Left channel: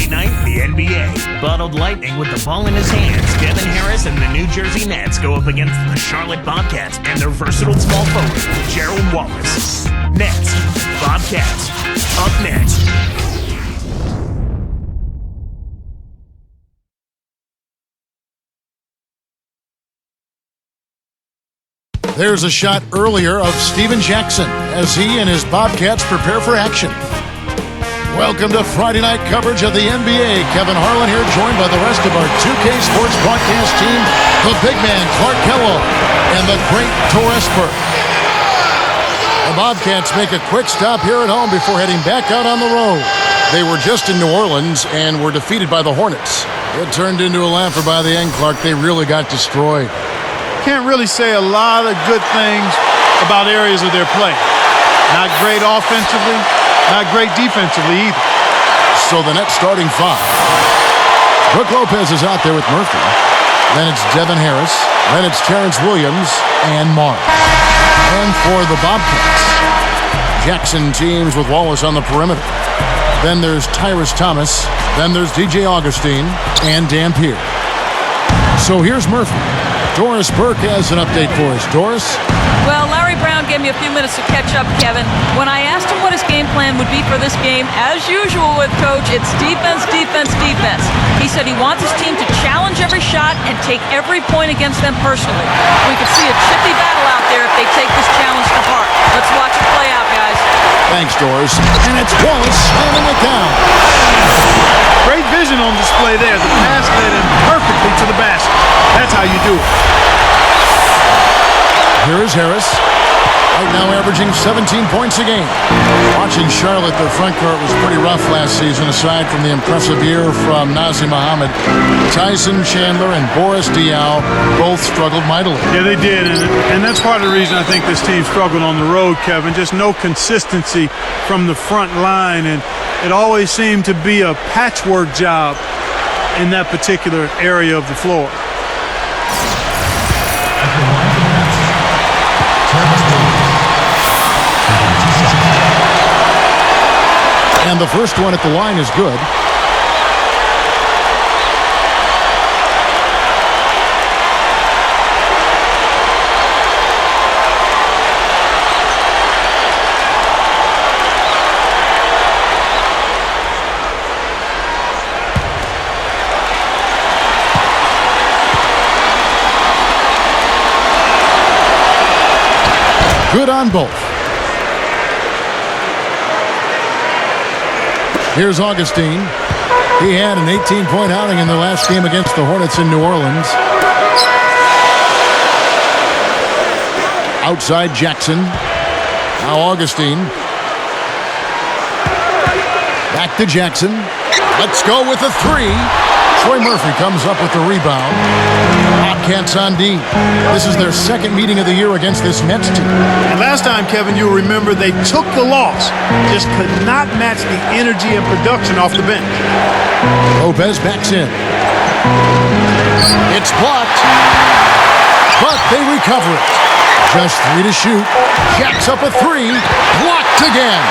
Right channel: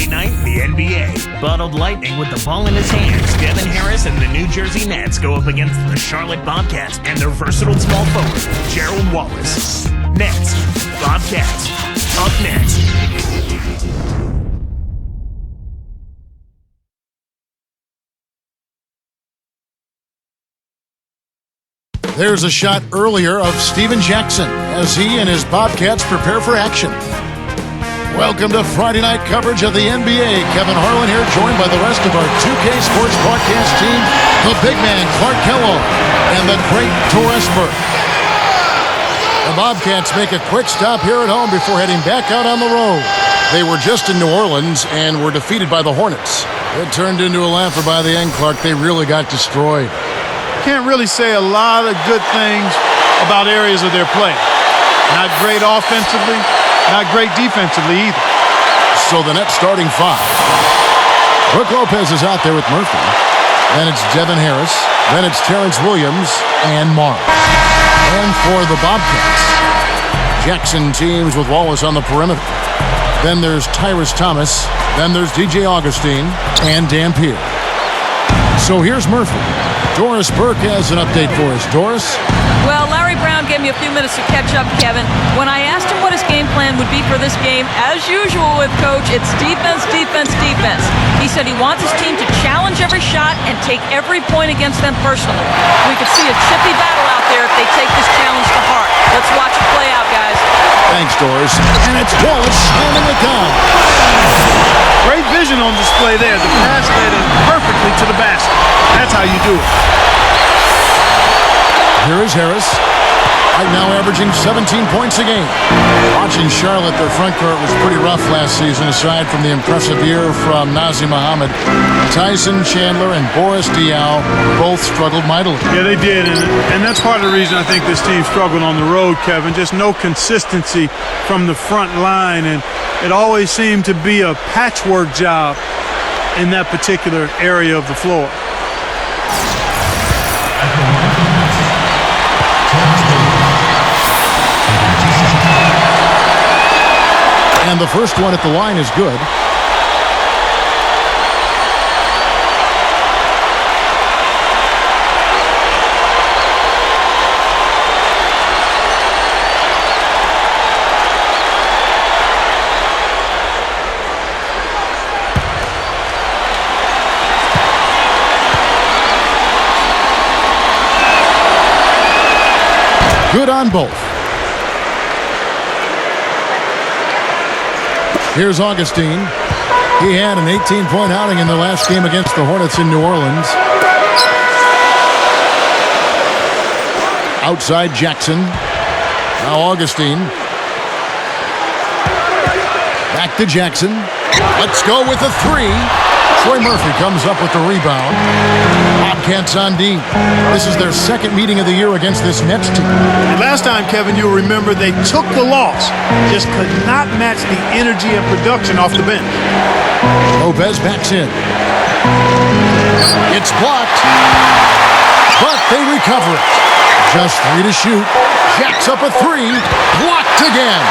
Friday night, the NBA. Bottled Lightning with the ball in his hands. Devin Harris and the New Jersey Nets go up against the Charlotte Bobcats and their versatile small forward, Gerald Wallace. Nets, Bobcats, up next. There's a shot earlier of Steven Jackson as he and his Bobcats prepare for action. Welcome to Friday night coverage of the NBA. Kevin Harlan here, joined by the rest of our 2K Sports broadcast team, the big man Clark Kellogg and the great Doris Burke. The Bobcats make a quick stop here at home before heading back out on the road. They were just in New Orleans and were defeated by the Hornets. It turned into a laugher by the end, Clark. They really got destroyed. Can't really say a lot of good things about areas of their play. Not great offensively, not great defensively either. So the Nets starting five. Brook Lopez is out there with Murphy. Then it's Devin Harris. Then it's Terrence Williams and Marr. And for the Bobcats, Jackson teams with Wallace on the perimeter. Then there's Tyrus Thomas. Then there's DJ Augustine and Dampier. So here's Murphy. Doris Burke has an update for us. Doris? Well, Larry Brown gave me a few minutes to catch up, Kevin. When I asked him what his game plan would be for this game, as usual with Coach, it's defense, defense, defense. He said he wants his team to challenge every shot and take every point against them personally. We could see a chippy battle out there if they take this challenge to heart. Let's watch it play out, guys. Thanks, Doris. And it's Wallace slamming it down. Great vision on display there. The pass led him perfectly to the basket. That's how you do it. Here is Harris. Right now averaging 17 points a game. Watching Charlotte, their front court was pretty rough last season, aside from the impressive year from Nazir Muhammad. Tyson Chandler and Boris Diaw both struggled mightily. Yeah, they did, and that's part of the reason I think this team struggled on the road, Kevin. Just no consistency from the front line, and it always seemed to be a patchwork job in that particular area of the floor. And the first one at the line is good. Good on both. Here's Augustine. He had an 18-point outing in their last game against the Hornets in New Orleans. Outside Jackson. Now Augustine. Back to Jackson. Let's go with a three. Troy Murphy comes up with the rebound. Bobcats on D. This is their second meeting of the year against this Nets team. And last time, Kevin, you'll remember they took the loss. Just could not match the energy and production off the bench. Lopez backs in. It's blocked. But they recover it. Just three to shoot. Jacks up a three. Blocked again.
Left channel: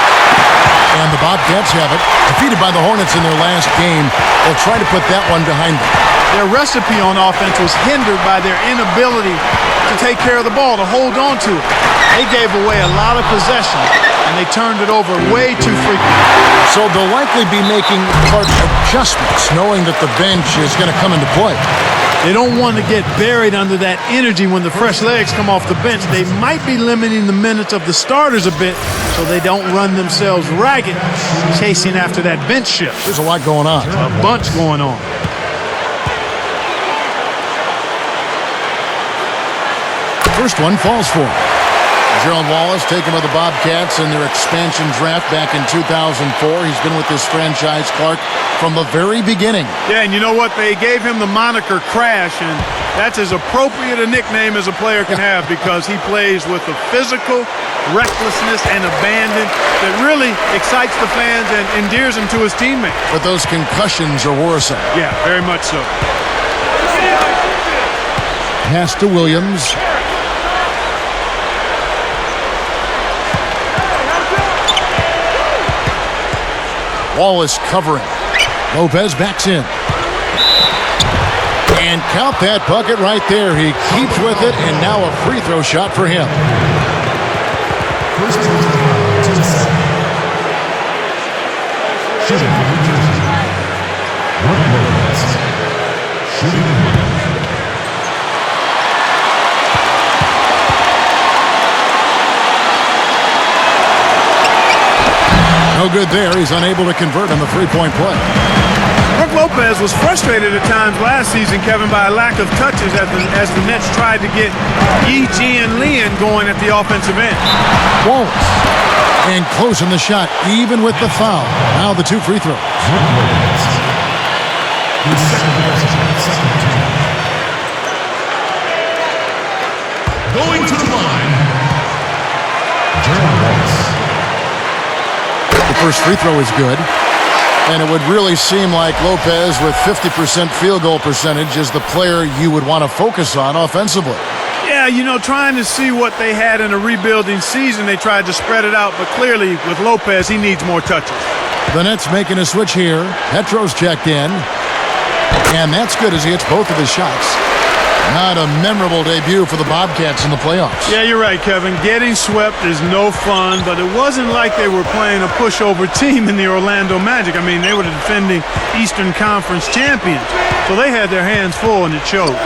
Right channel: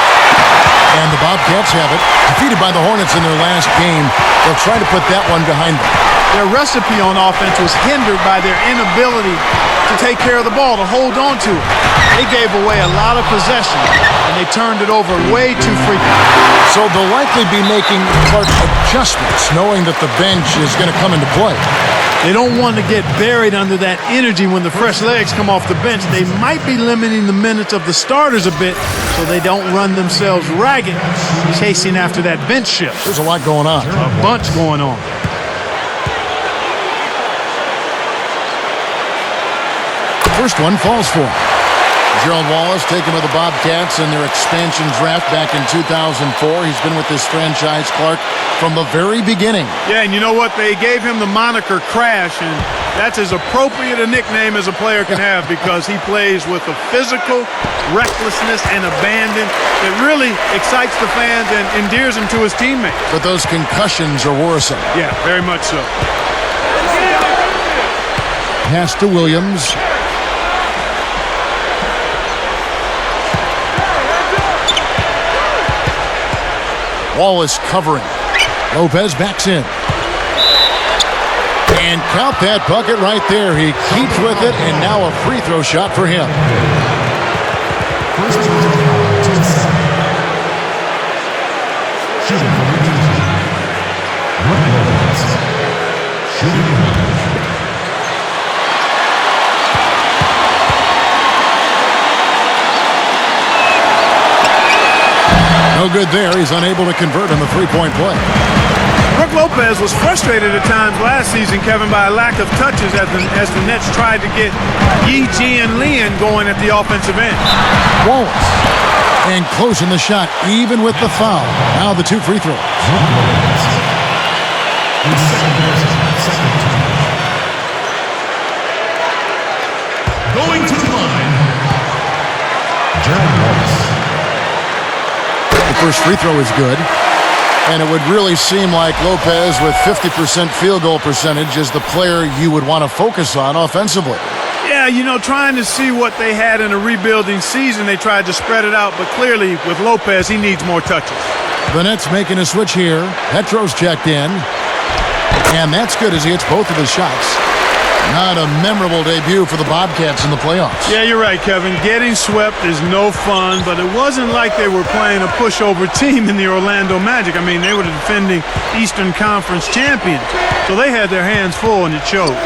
And the Bobcats have it. Defeated by the Hornets in their last game. They'll try to put that one behind them. Their recipe on offense was hindered by their inability to take care of the ball, to hold on to it. They gave away a lot of possessions, and they turned it over way too frequently. So they'll likely be making adjustments, knowing that the bench is going to come into play. They don't want to get buried under that energy when the fresh legs come off the bench. They might be limiting the minutes of the starters a bit so they don't run themselves ragged chasing after that bench shift. There's a lot going on. A bunch going on. First one falls for him. Gerald Wallace taken by the Bobcats in their expansion draft back in 2004. He's been with this franchise, Clark, from the very beginning. Yeah, and you know what? They gave him the moniker Crash, and that's as appropriate a nickname as a player can have because he plays with a physical recklessness and abandon that really excites the fans and endears him to his teammates. But those concussions are worrisome. Yeah, very much so. Pass to Williams. Wallace covering. Lopez backs in. And count that bucket right there. He keeps with it, and now a free throw shot for him. First personal foul to the set. Shooting for New Jersey. Brook Lopez. Shooting one. No good there. He's unable to convert on the three-point play. Brook Lopez was frustrated at times last season, Kevin, by a lack of touches as the Nets tried to get Yi, Ji, and Lian going at the offensive end. Wallace. And closing the shot, even with the foul. Now the two free throws. Brook Lopez. His second person, second team. Going to the line. Gerald Wallace. The first free throw is good. And it would really seem like Lopez with 50% field goal percentage is the player you would want to focus on offensively. Yeah, you know, trying to see what they had in a rebuilding season, they tried to spread it out, but clearly with Lopez, he needs more touches. The Nets making a switch here. Petro's checked in. And that's good as he hits both of his shots. Not a memorable debut for the Bobcats in the playoffs. Yeah, you're right, Kevin. Getting swept is no fun, but it wasn't like they were playing a pushover team in the Orlando Magic. I mean, they were the defending Eastern Conference champions, so they had their hands full, and it showed.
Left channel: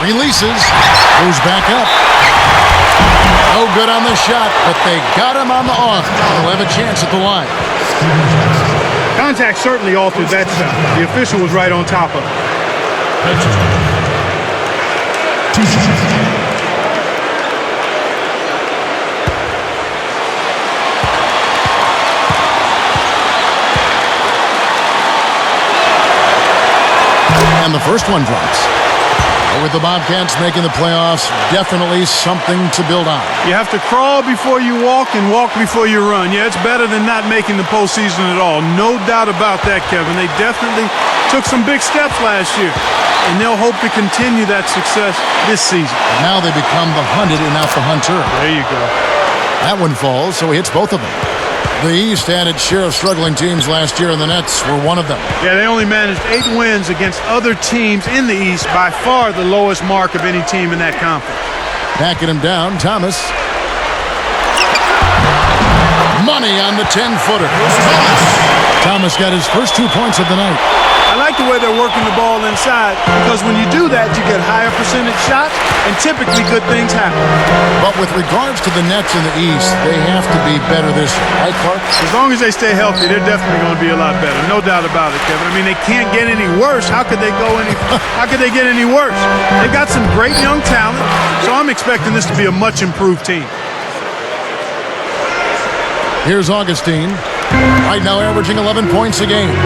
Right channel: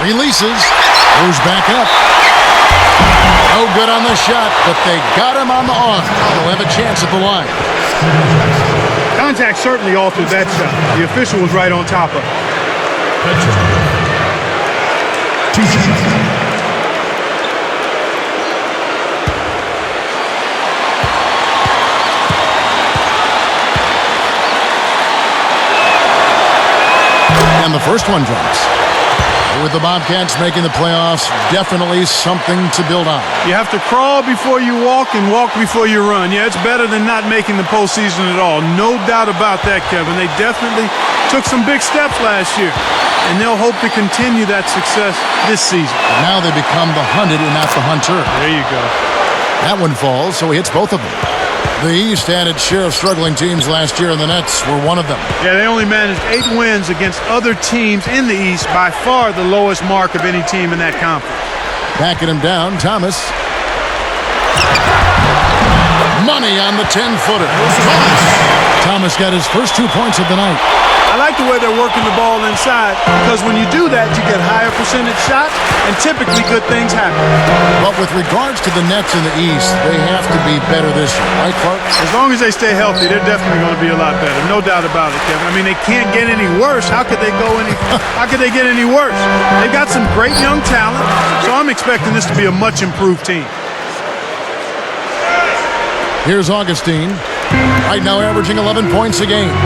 Releases. Goes back up. No good on the shot, but they got him on the arm. He'll have a chance at the line. Contact certainly altered that shot. The official was right on top of it. Two shots. And the first one drops. With the Bobcats making the playoffs, definitely something to build on. You have to crawl before you walk and walk before you run. Yeah, it's better than not making the postseason at all. No doubt about that, Kevin. They definitely took some big steps last year, and they'll hope to continue that success this season. But now they become the hunted and not the hunter. There you go. That one falls, so he hits both of them. The East had its share of struggling teams last year, and the Nets were one of them. Yeah, they only managed 8 wins against other teams in the East, by far the lowest mark of any team in that conference. Backing him down, Thomas. Money on the 10-footer. Thomas got his first 2 points of the night. I like the way they're working the ball inside, because when you do that, you get higher percentage shots, and typically good things happen. But with regards to the Nets in the East, they have to be better this year, right, Clark? As long as they stay healthy, they're definitely going to be a lot better. No doubt about it, Kevin. I mean, they can't get any worse. How could they get any worse? They've got some great young talent, so I'm expecting this to be a much improved team. Here's Augustine, right now averaging 11 points a game.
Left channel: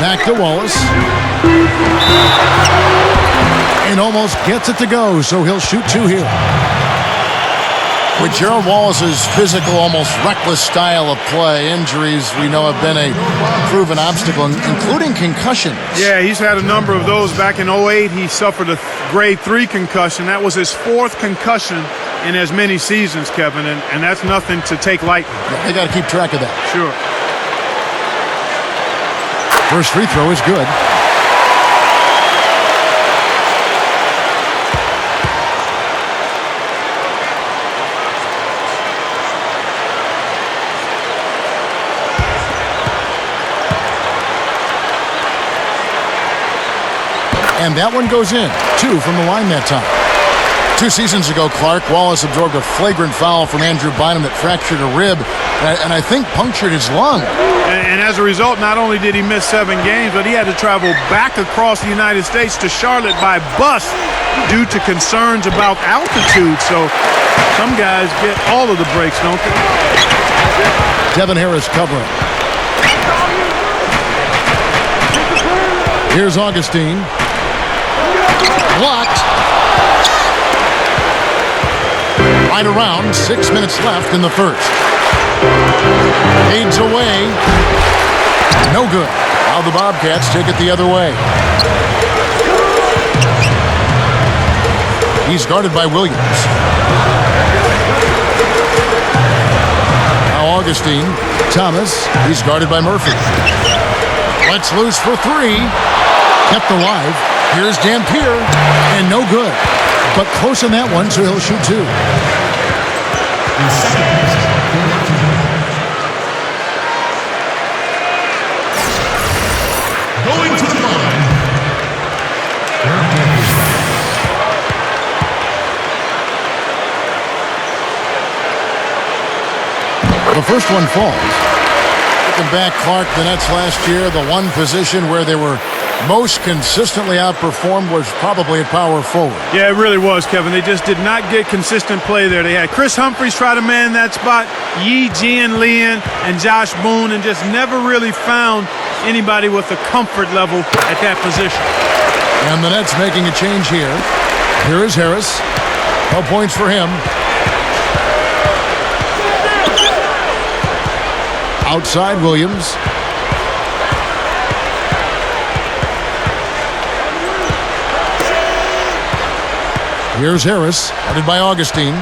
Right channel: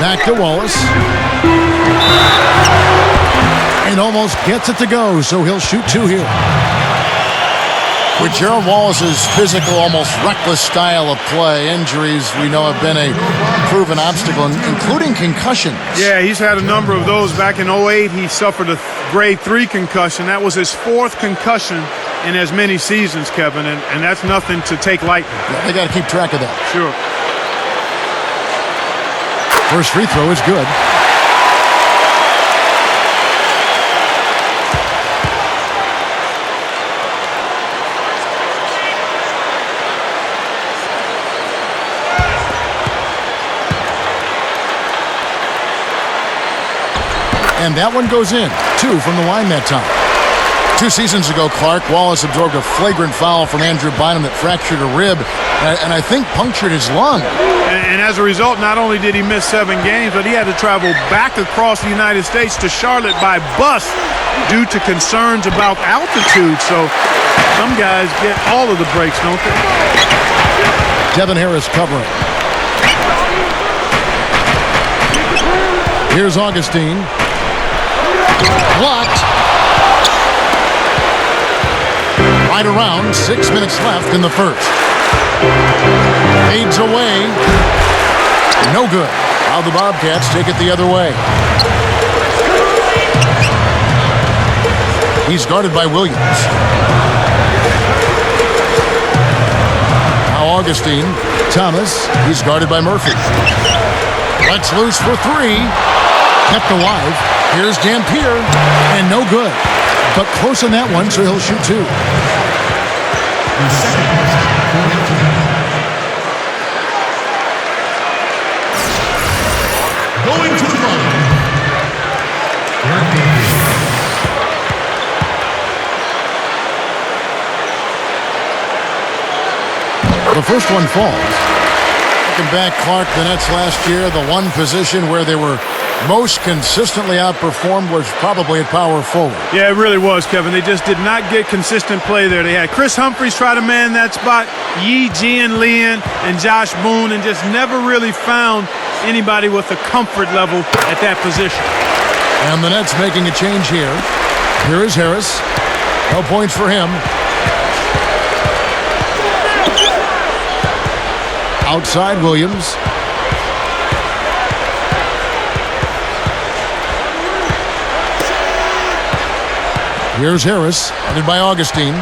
Back to Wallace. And almost gets it to go, so he'll shoot 2 here. With Gerald Wallace's physical, almost reckless style of play, injuries we know have been a proven obstacle, including concussions. Yeah, he's had a number of those. Back in 2008, he suffered a grade 3 concussion. That was his 4th concussion in as many seasons, Kevin, and that's nothing to take lightly. Yeah, they got to keep track of that. Sure. First free throw is good. And that one goes in. 2 from the line that time. 2 seasons ago, Clark, Wallace absorbed a flagrant foul from Andrew Bynum that fractured a rib and I think punctured his lung. And as a result, not only did he miss 7 games, but he had to travel back across the United States to Charlotte by bus due to concerns about altitude. So some guys get all of the breaks, don't they? Devin Harris covering. Here's Augustine. Blocked. Right around, 6 minutes left in the first. Fades away. No good. Now the Bobcats take it the other way. He's guarded by Williams. Now Augustine. Thomas. He's guarded by Murphy. Lets loose for three. Kept alive. Here's Dampier. And no good. But close on that one, so he'll shoot two. Going to the line. The first one falls. Looking back, Clark, the Nets last year, the one position where they were most consistently outperformed was probably at power forward. Yeah, it really was, Kevin. They just did not get consistent play there. They had Chris Humphries try to man that spot, Yi Jianlian and Josh Boone, and just never really found anybody with a comfort level at that position. And the Nets making a change here. Here is Harris. No points for him. Outside Williams. Here's Harris, guarded by Augustine.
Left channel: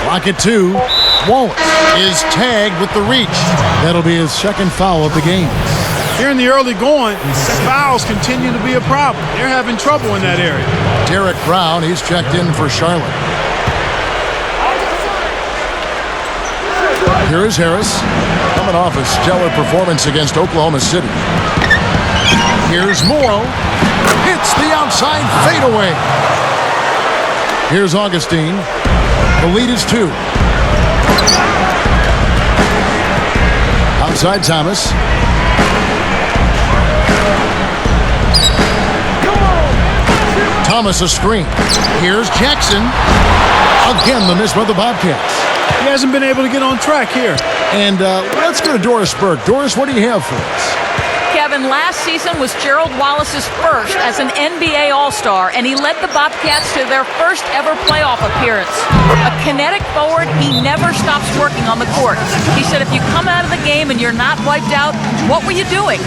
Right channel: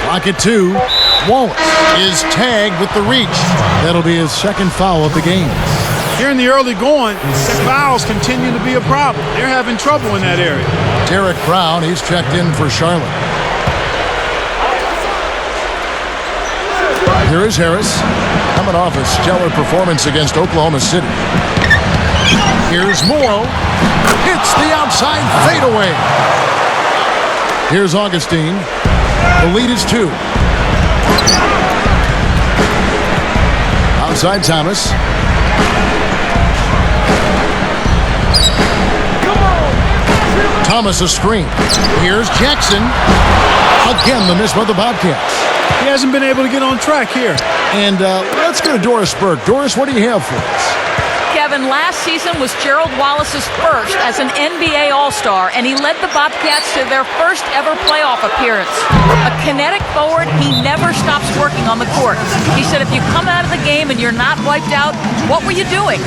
Clock at 2. Wallace is tagged with the reach. That'll be his second foul of the game. Here in the early going, fouls continue to be a problem. They're having trouble in that area. Derek Brown, he's checked in for Charlotte. Here is Harris, coming off a stellar performance against Oklahoma City. Here's Morrow. Hits the outside fadeaway. Here's Augustine. The lead is 2. Outside Thomas. Thomas a screen. Here's Jackson. Again, the miss by the Bobcats. He hasn't been able to get on track here. And let's go to Doris Burke. Doris, what do you have for us? Kevin, last season was Gerald Wallace's first as an NBA All-Star, and he led the Bobcats to their first ever playoff appearance. A kinetic forward, he never stops working on the court. He said, if you come out of the game and you're not wiped out, what were you doing?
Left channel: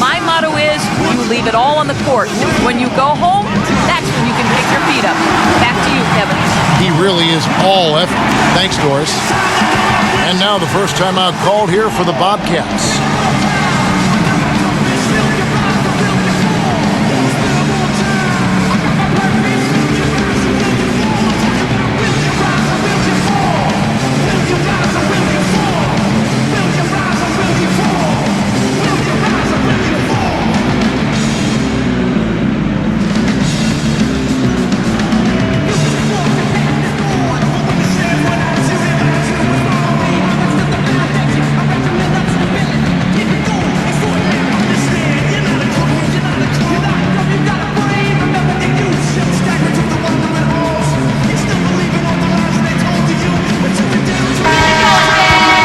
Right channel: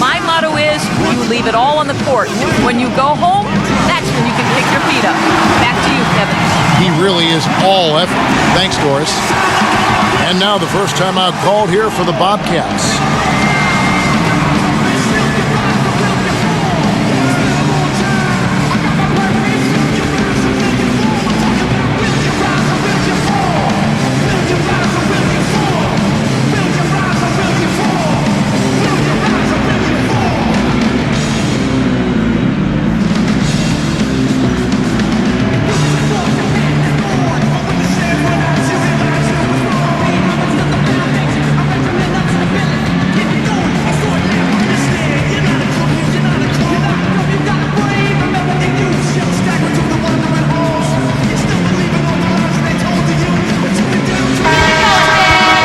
My motto is, you leave it all on the court. When you go home, that's when you can kick your feet up. Back to you, Kevin. He really is all effort. Thanks, Doris. And now the first timeout called here for the Bobcats.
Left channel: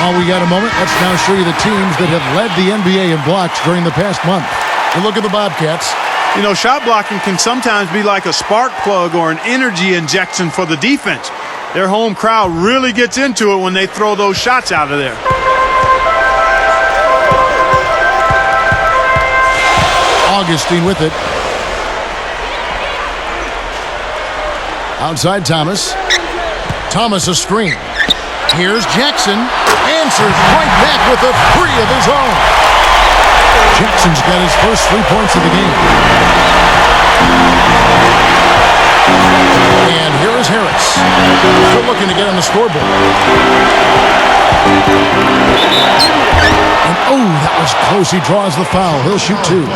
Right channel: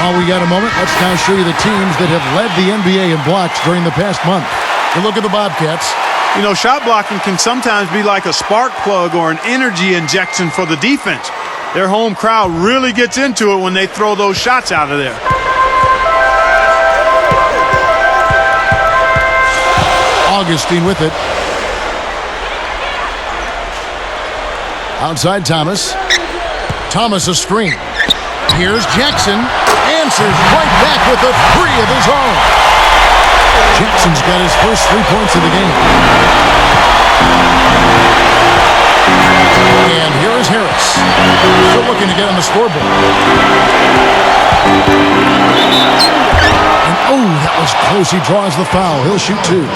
While we got a moment, let's now show you the teams that have led the NBA in blocks during the past month. You look at the Bobcats. You know, shot blocking can sometimes be like a spark plug or an energy injection for the defense. Their home crowd really gets into it when they throw those shots out of there. Augustine with it. Outside Thomas. Thomas a screen. Here's Jackson. Answers right back with a 3 of his own. Jackson's got his first 3 points of the game. And here is Harris. Still looking to get on the scoreboard. And oh, that was close. He draws the foul. He'll shoot 2.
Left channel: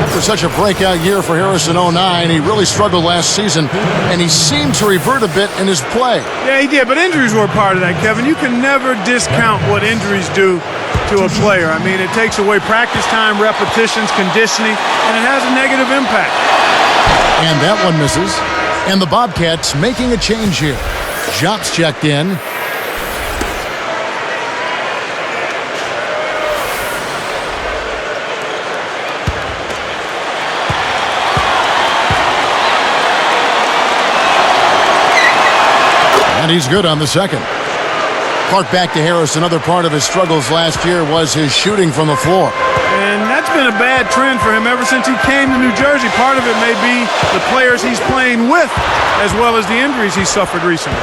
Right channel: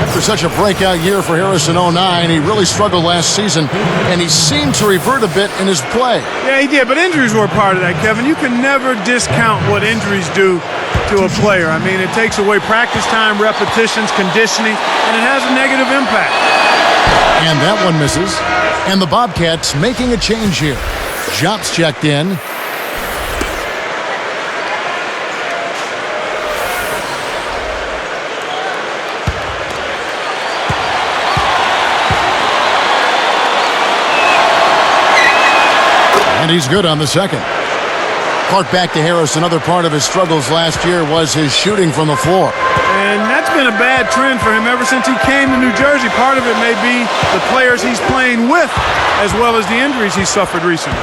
After such a breakout year for Harris in 09, he really struggled last season, and he seemed to revert a bit in his play. Yeah, he did, but injuries were a part of that, Kevin. You can never discount what injuries do to a player. I mean, it takes away practice time, repetitions, conditioning, and it has a negative impact. And that one misses. And the Bobcats making a change here. Jops checked in. And he's good on the second. Clark, back to Harris. Another part of his struggles last year was his shooting from the floor. And that's been a bad trend for him ever since he came to New Jersey. Part of it may be the players he's playing with, as well as the injuries he's suffered recently.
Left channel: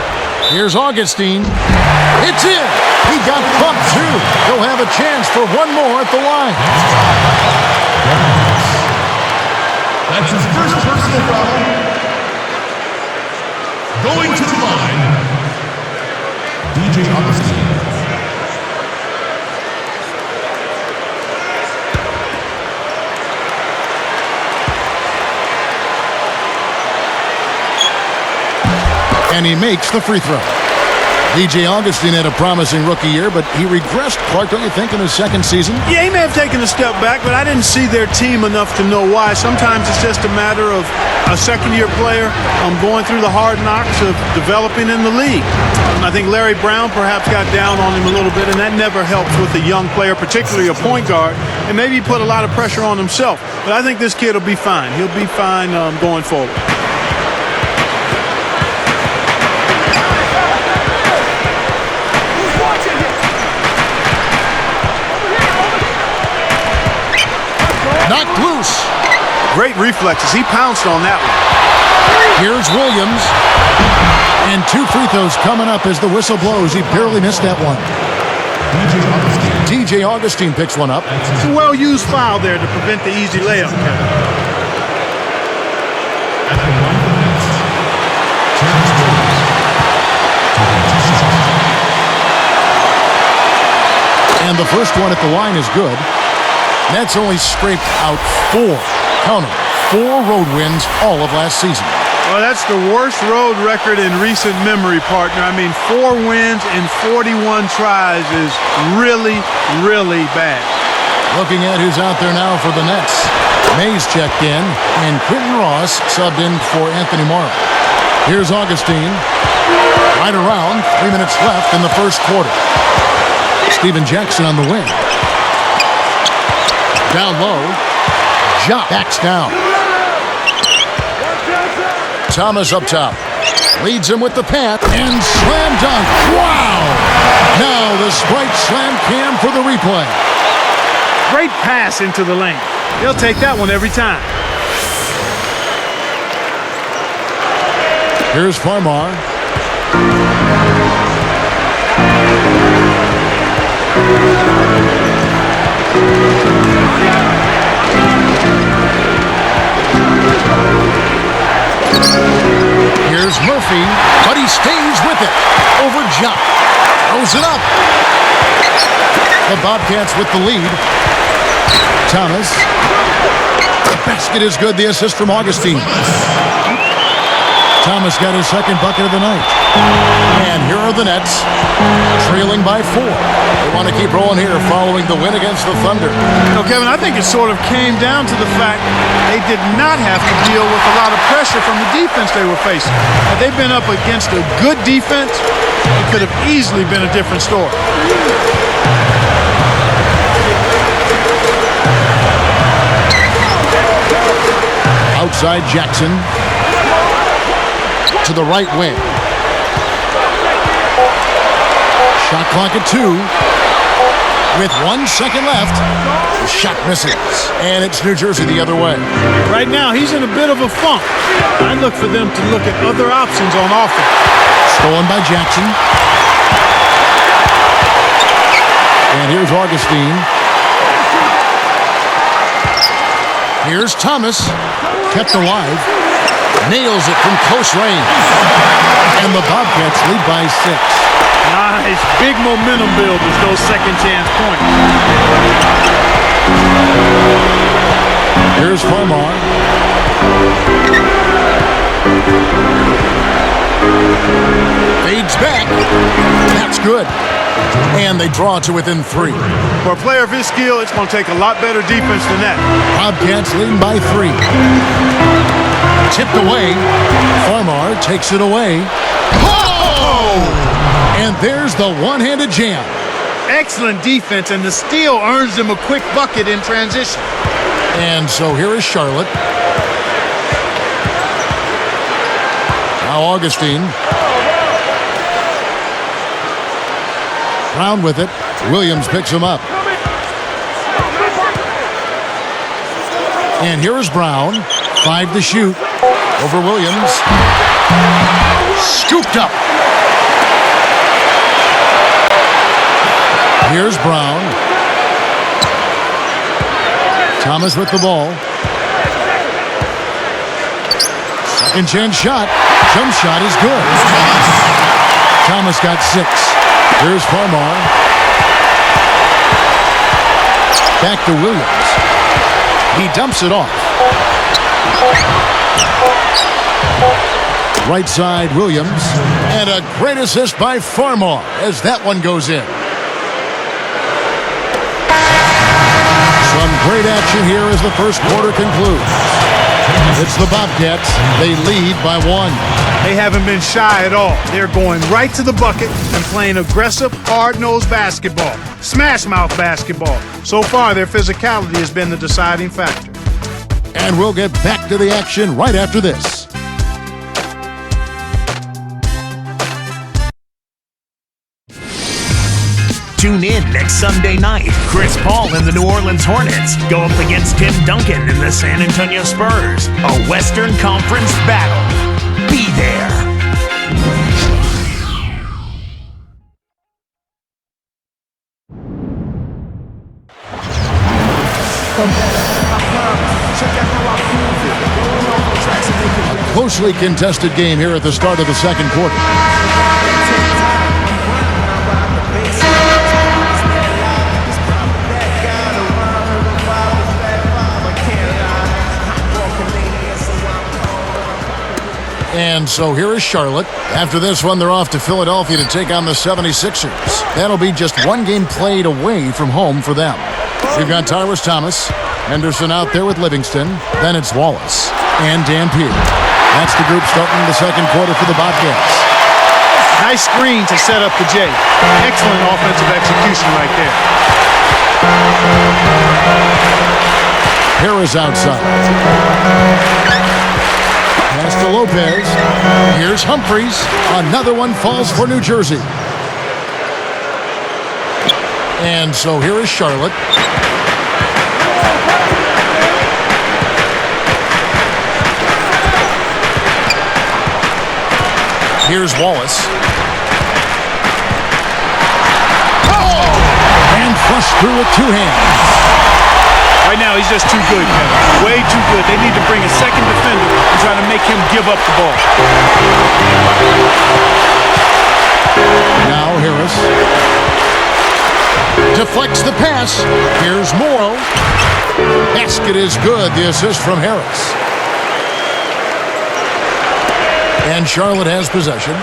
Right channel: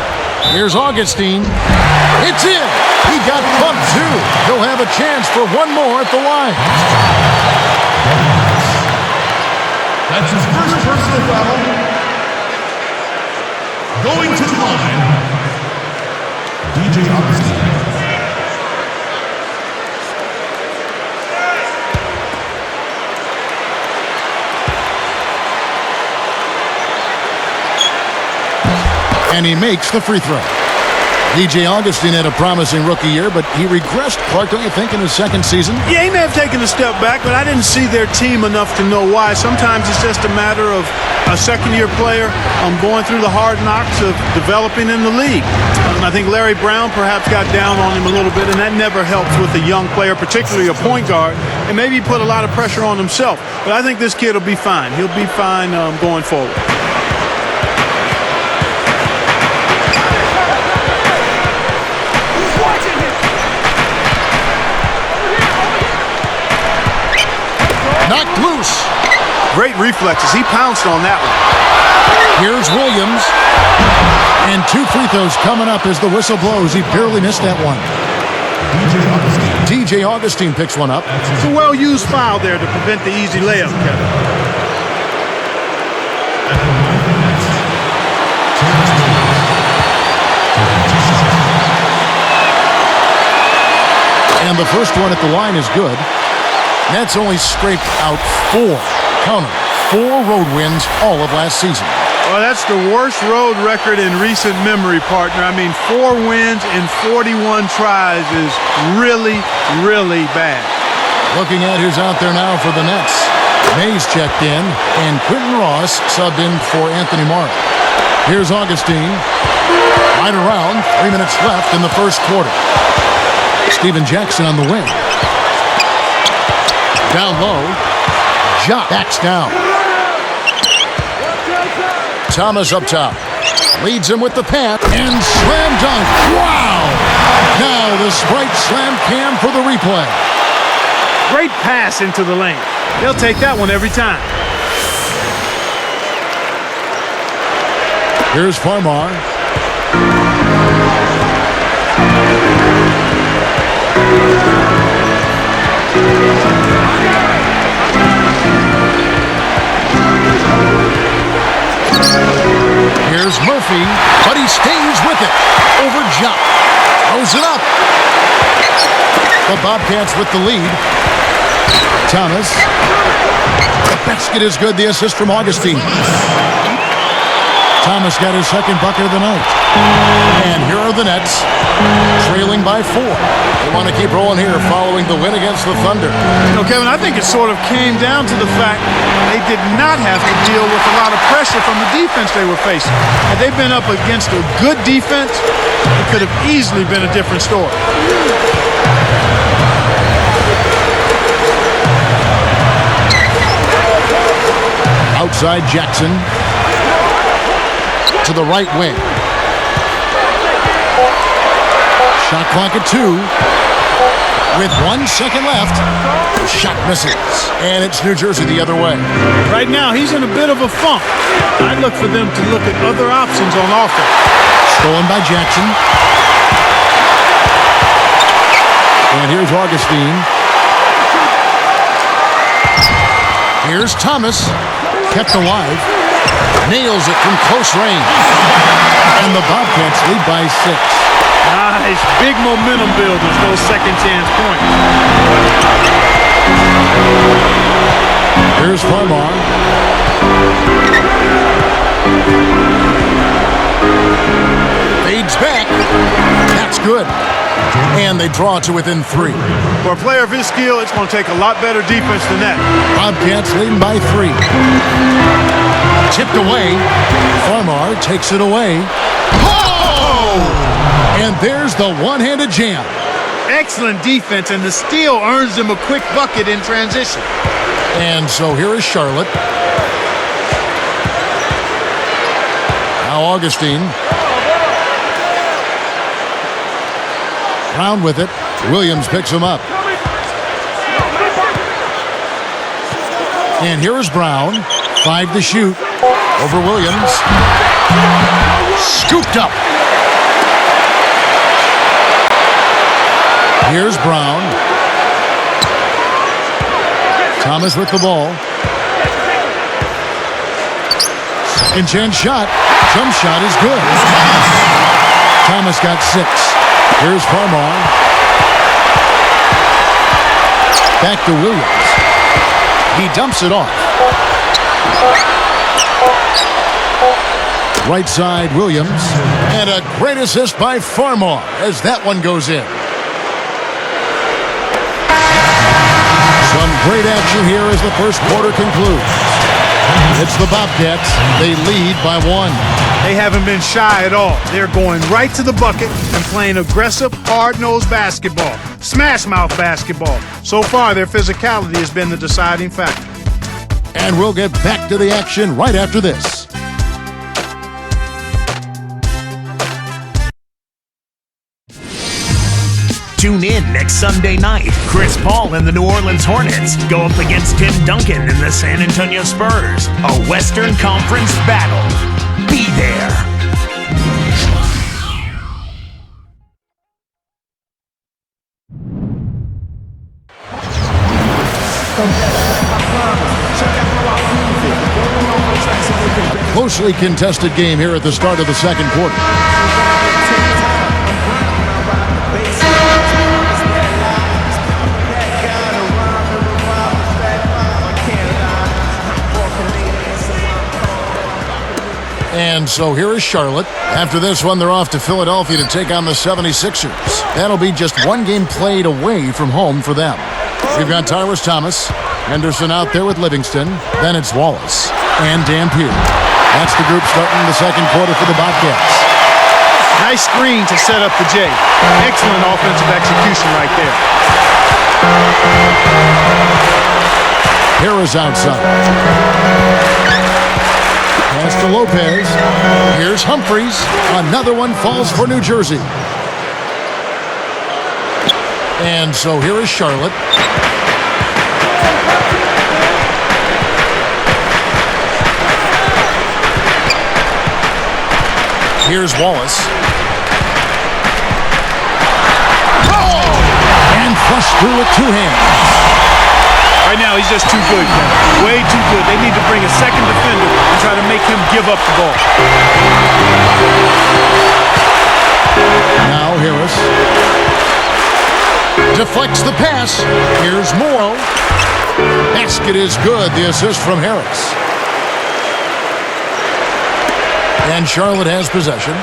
Here's Augustine. It's in. He got bumped too. He'll have a chance for one more at the line. That's his first personal foul. Going to the line, DJ Augustine. And he makes the free throw. DJ Augustine had a promising rookie year, but he regressed, Clark, don't you think, in his second season? Yeah, he may have taken a step back, but I didn't see their team enough to know why. Sometimes it's just a matter of a second-year player going through the hard knocks of developing in the league. I think Larry Brown perhaps got down on him a little bit, and that never helps with a young player, particularly a point guard, and maybe he put a lot of pressure on himself. But I think this kid will be fine. He'll be fine going forward. Watching him. Over here. Knocked loose. Great reflexes. He pounced on that one. Here's Williams. And 2 free throws coming up as the whistle blows. He barely missed that one. DJ Augustine picks one up. It's a well-used foul there to prevent the easy layup, Kevin. And the first one at the line is good. Nets only scraped out 4. Count them. 4 road wins all of last season. Well, that's the worst road record in recent memory, partner. I mean, 4 wins in 41 tries is really, really bad. Looking at who's out there now for the Nets. Mays checked in, and Quentin Ross subbed in for Anthony Morrow. Here's Augustine. Right around, 3 minutes left in the first quarter. Steven Jackson on the wing. Down low. Ja backs down. Thomas up top. Leads him with the pass. And slam dunk. Wow! Now the Sprite slam cam for the replay. Great pass into the lane. They'll take that one every time. Here's Farmar. Here's Murphy, but he stays with it. Over Jock. Throws it up. The Bobcats with the lead. Thomas. The basket is good. The assist from Augustine. Thomas got his second bucket of the night. And here are the Nets, trailing by 4. They want to keep rolling here following the win against the Thunder. You know, Kevin, I think it sort of came down to the fact they did not have to deal with a lot of pressure from the defense they were facing. Had they been up against a good defense, it could have easily been a different story. Outside Jackson. To the right wing. Shot clock at 2. With 1 second left, the shot misses. And it's New Jersey the other way. Right now, he's in a bit of a funk. I'd look for them to look at other options on offense. Stolen by Jackson. And here's Augustine. Here's Thomas. Kept alive. Nails it from close range. And the Bobcats lead by 6. Nice. Big momentum builders, those second chance points. Here's Farmar. Fades back. That's good. And they draw to within 3. For a player of his skill, it's going to take a lot better defense than that. Bobcats leading by 3. Tipped away. Farmar takes it away. Oh! And there's the one-handed jam. Excellent defense, and the steal earns them a quick bucket in transition. And so here is Charlotte. Now Augustine. Brown with it. Williams picks him up. And here is Brown. 5 to shoot. Over Williams. Scooped up. Here's Brown. Thomas with the ball. Second chance shot. Jump shot is good. Thomas got 6. Here's Farmar. Back to Williams. He dumps it off. Right side, Williams. And a great assist by Farmar as that one goes in. Some great action here as the first quarter concludes. It's the Bobcats. They lead by 1. They haven't been shy at all. They're going right to the bucket and playing aggressive, hard-nosed basketball. Smash-mouth basketball. So far, their physicality has been the deciding factor. And we'll get back to the action right after this. Tune in next Sunday night. Chris Paul and the New Orleans Hornets go up against Tim Duncan and the San Antonio Spurs. A Western Conference battle. Be there. A closely contested game here at the start of the second quarter. And so here is Charlotte. After this one, they're off to Philadelphia to take on the 76ers. That'll be just one game played away from home for them. We've got Tyrus Thomas, Henderson out there with Livingston. Then it's Wallace and Dampier. That's the group starting the second quarter for the Bobcats. Nice screen to set up the J. Excellent offensive execution right there. Here is outside. Pass to Lopez. Here's Humphries. Another one falls for New Jersey. And so here is Charlotte. Here's Wallace. Oh! And flushed through with 2 hands. Right now, he's just too good, Kevin. Way too good. They need to bring a second defender and try to make him give up the ball. Now Harris. Deflects the pass. Here's Morrow. Basket is good. The assist from Harris. And Charlotte has possession.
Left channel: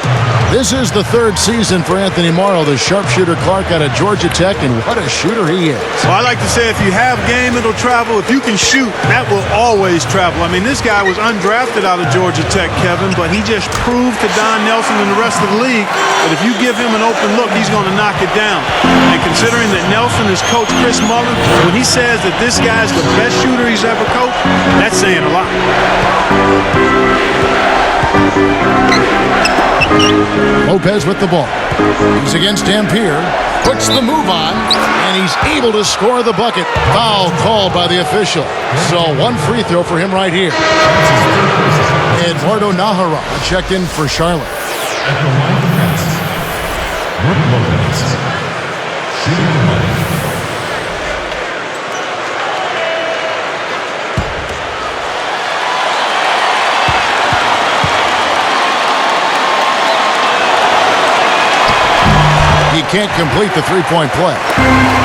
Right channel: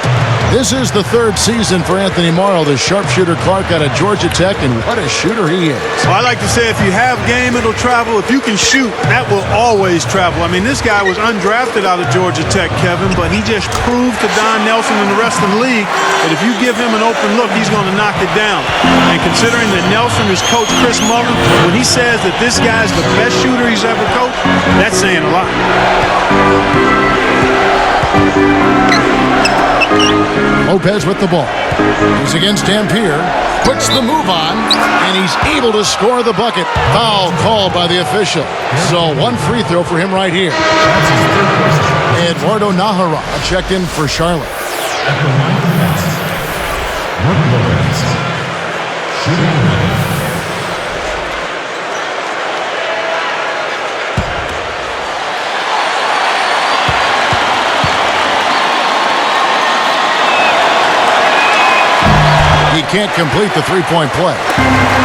This is the 3rd season for Anthony Morrow, the sharpshooter Clark out of Georgia Tech, and what a shooter he is. Well, I like to say if you have game, it'll travel. If you can shoot, that will always travel. I mean, this guy was undrafted out of Georgia Tech, Kevin, but he just proved to Don Nelson and the rest of the league that if you give him an open look, he's going to knock it down. And considering that Nelson is Coach Chris Mullin, when he says that this guy's the best shooter he's ever coached, that's saying a lot. Lopez with the ball. He's against Dampier. Puts the move on, and he's able to score the bucket. Foul called by the official. So 1 free throw for him right here. Eduardo Nahara checked in for Charlotte. At the line of defense, Mark Lopez. Shooting the line. He can't complete the 3-point play.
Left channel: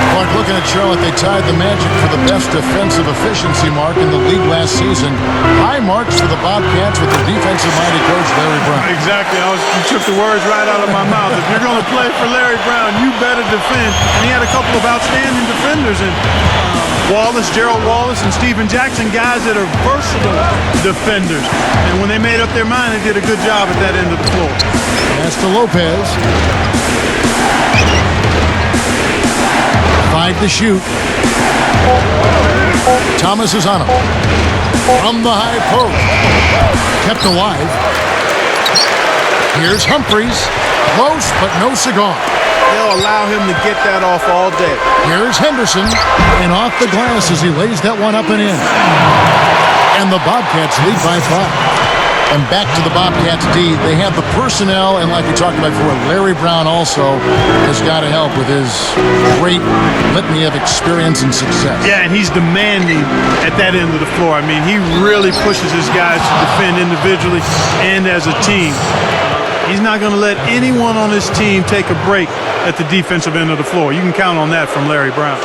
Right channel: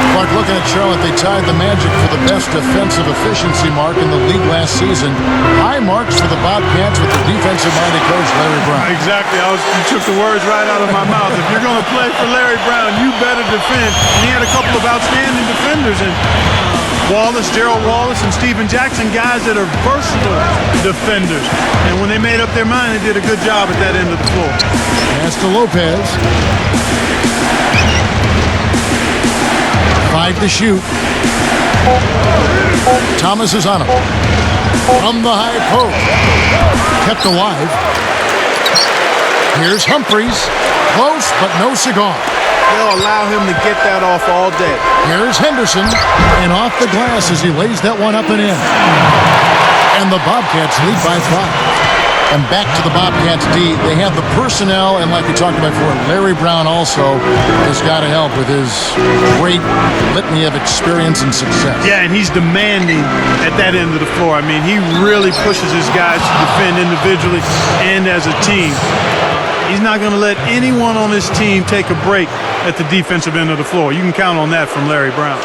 Clark, looking at Charlotte, they tied the Magic for the best defensive efficiency mark in the league last season. High marks for the Bobcats with their defensive-minded coach, Larry Brown. Exactly. You took the words right out of my mouth. If you're going to play for Larry Brown, you better defend. And he had a couple of outstanding defenders in Wallace, Gerald Wallace, and Stephen Jackson, guys that are versatile defenders. And when they made up their mind, they did a good job at that end of the floor. Pass to Lopez. 5 to shoot. Thomas is on him. From the high post. Kept alive. Here's Humphries. Close, but no cigar. They'll allow him to get that off all day. Here's Henderson. And off the glass as he lays that one up and in. And the Bobcats lead by 5. And back to the Bobcats D, they have the personnel, and like we talked about before, Larry Brown also has got to help with his great litany of experience and success. Yeah, and he's demanding at that end of the floor. I mean, he really pushes his guys to defend individually and as a team. He's not going to let anyone on his team take a break at the defensive end of the floor. You can count on that from Larry Brown.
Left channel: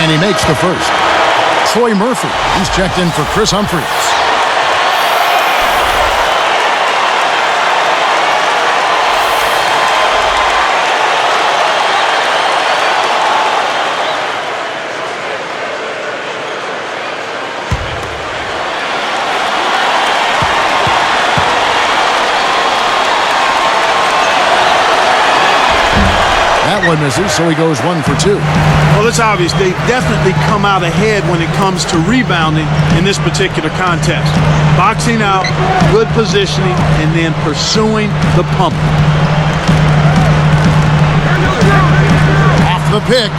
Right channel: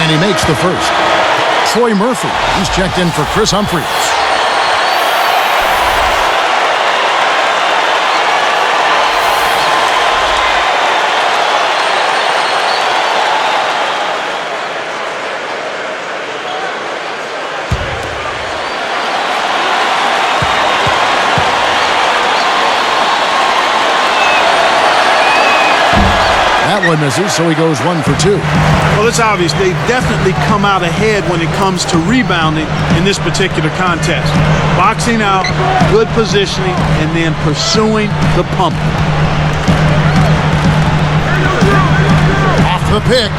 And he makes the first. Troy Murphy, he's checked in for Chris Humphreys. That one misses, so he goes 1 for 2. Well, it's obvious they've definitely come out ahead when it comes to rebounding in this particular contest. Boxing out, good positioning, and then pursuing the pump. Off the pick.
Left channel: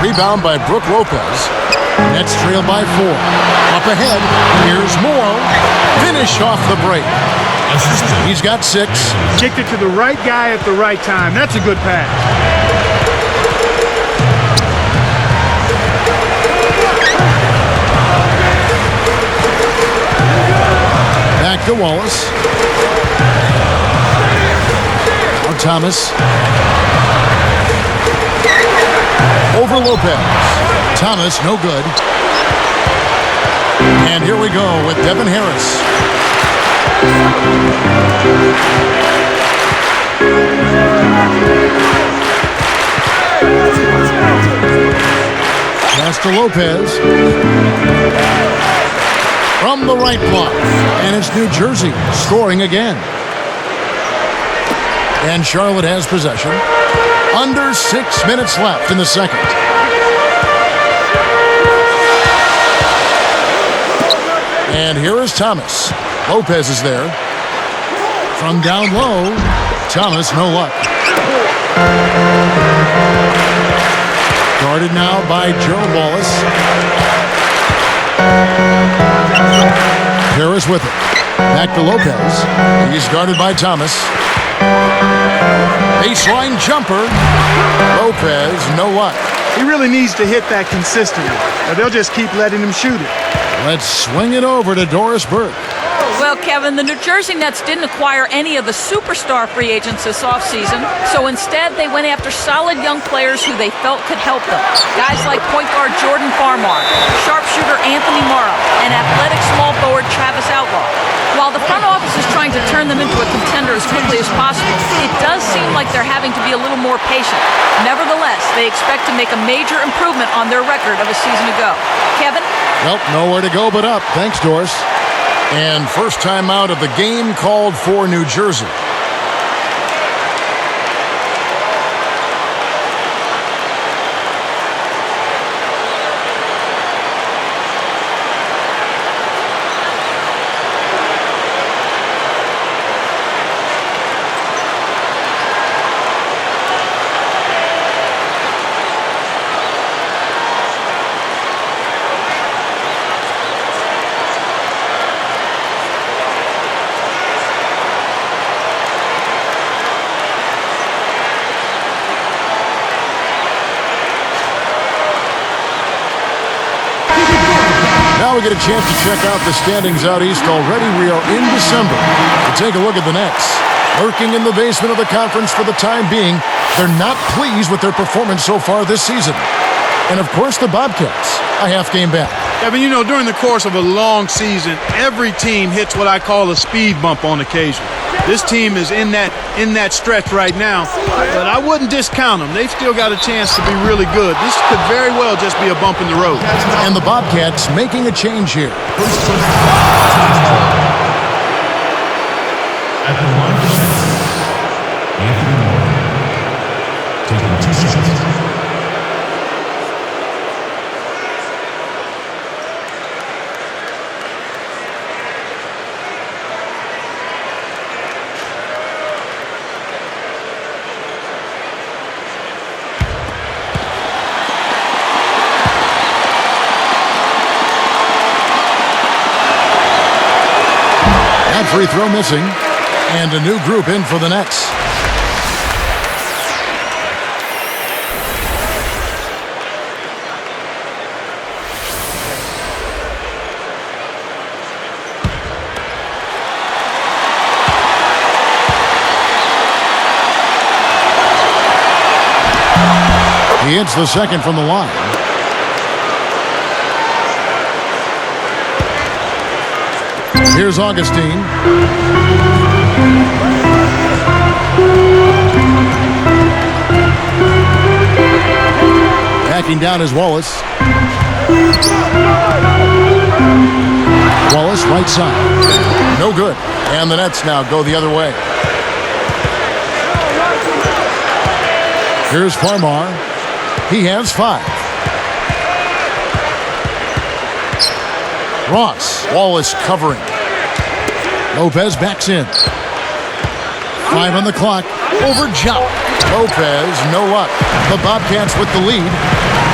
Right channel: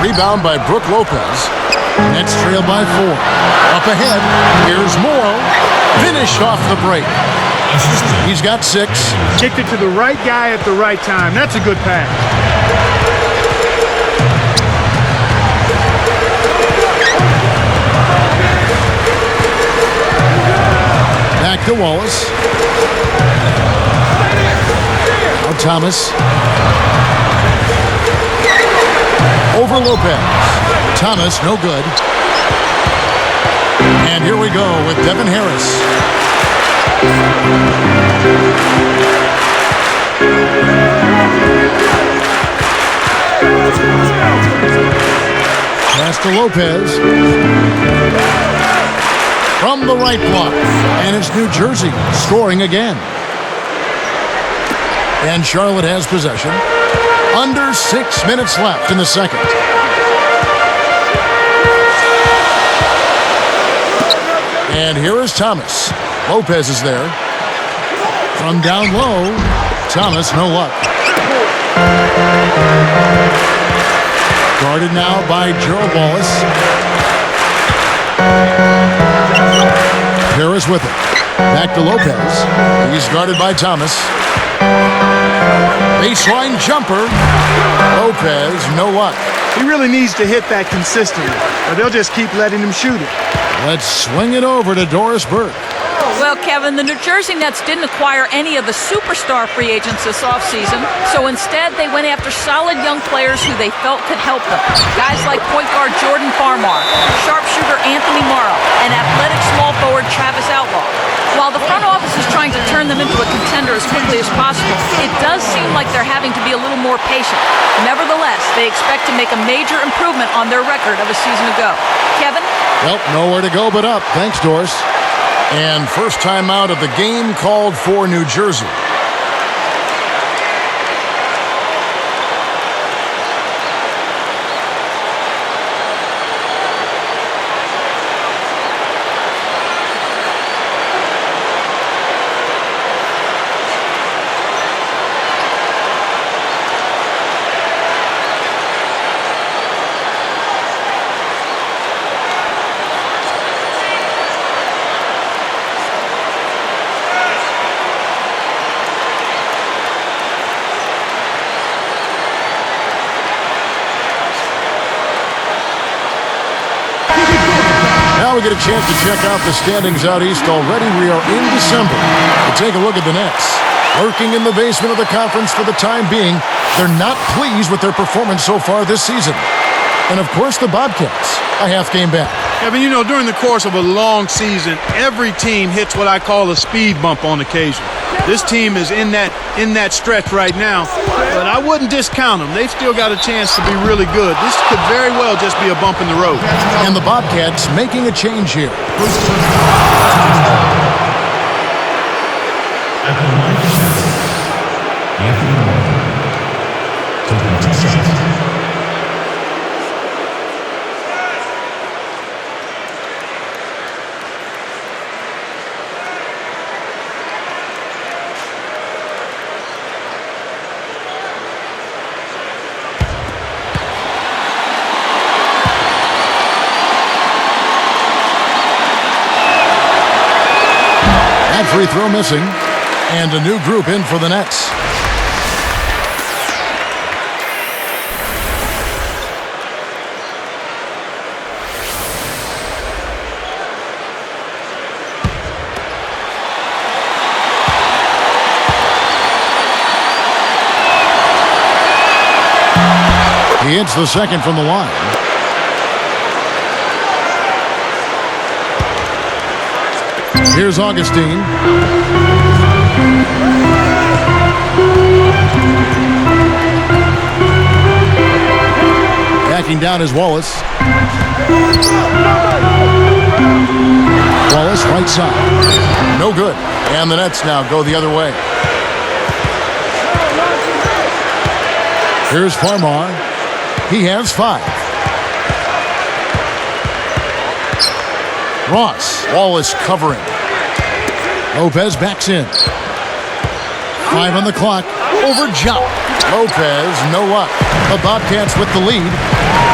Rebound by Brook Lopez. Nets trail by 4. Up ahead, here's Morrow. Finish off the break. He's got 6. Kicked it to the right guy at the right time. That's a good pass. Back to Wallace. Now Thomas. Over Lopez. Thomas, no good. And here we go with Devin Harris. Pass to Lopez. From the right block. And it's New Jersey scoring again. And Charlotte has possession. Under 6 minutes left in the second. And here is Thomas. Lopez is there. From down low, Thomas, no luck. Guarded now by Gerald Wallace. Harris with it. Back to Lopez. He's guarded by Thomas. Baseline jumper. Lopez, no luck. He really needs to hit that consistently, or they'll just keep letting him shoot it. Let's swing it over to Doris Burke. Well, Kevin, the New Jersey Nets didn't acquire any of the superstar free agents this offseason, so instead they went after solid young players who they felt could help them. Guys like point guard Jordan Farmar, sharpshooter Anthony Morrow, and athletic small forward Travis Outlaw. While the front office is trying to turn them into a contender as quickly as possible, it does seem like they're having to be a little more patient. Nevertheless, they expect to make a major improvement on their record of a season ago. Kevin? Well, nowhere to go but up. Thanks, Doris. And first time out of the game called for New Jersey. Now we get a chance to check out the standings out east. Already we are in December. To take a look at the Nets. Lurking in the basement of the conference for the time being, they're not pleased with their performance so far this season. And of course the Bobcats, a half game back. Kevin, you know, during the course of a long season, every team hits what I call a speed bump on occasion. This team is in that stretch right now, but I wouldn't discount them. They've still got a chance to be really good. This could very well just be a bump in the road. And the Bobcats making a change here. At the line of shots, Anthony Moore taking 2 shots. That free throw missing. And a new group in for the Nets. He hits the second from the line. Here's Augustine. Backing down is Wallace. Wallace, right side. No good. And the Nets now go the other way. Here's Farmar. He has 5. Ross. Wallace covering. Lopez backs in. 5 on the clock. Over Jump. Lopez, no luck. The Bobcats with the lead.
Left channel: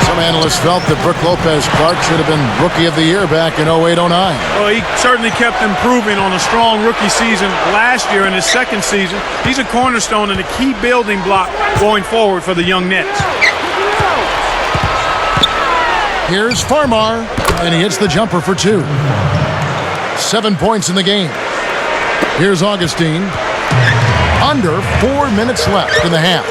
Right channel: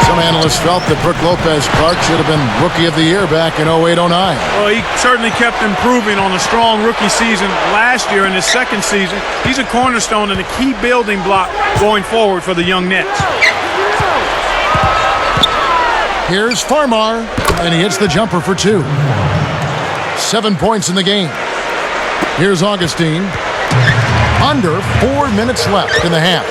Some analysts felt that Brook Lopez-Clark should have been Rookie of the Year back in 08-09. Well, he certainly kept improving on a strong rookie season last year in his second season. He's a cornerstone and a key building block going forward for the young Nets. Here's Farmar, and he hits the jumper for 2. 7 points in the game. Here's Augustine. Under 4 minutes left in the half.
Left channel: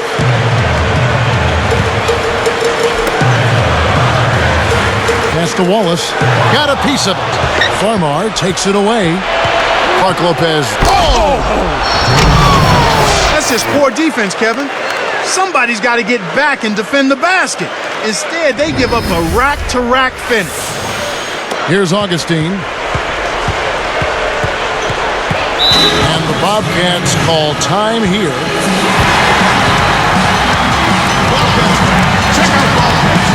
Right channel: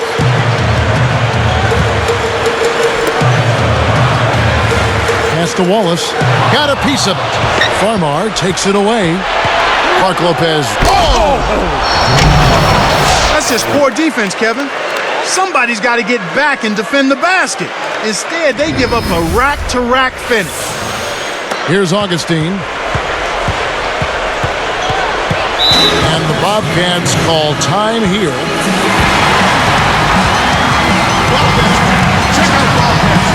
Pass to Wallace. Got a piece of it. Farmar takes it away. Clark Lopez. Oh! That's just poor defense, Kevin. Somebody's got to get back and defend the basket. Instead, they give up a rack-to-rack finish. Here's Augustine. And the Bobcats call time here. Check out Bobcats.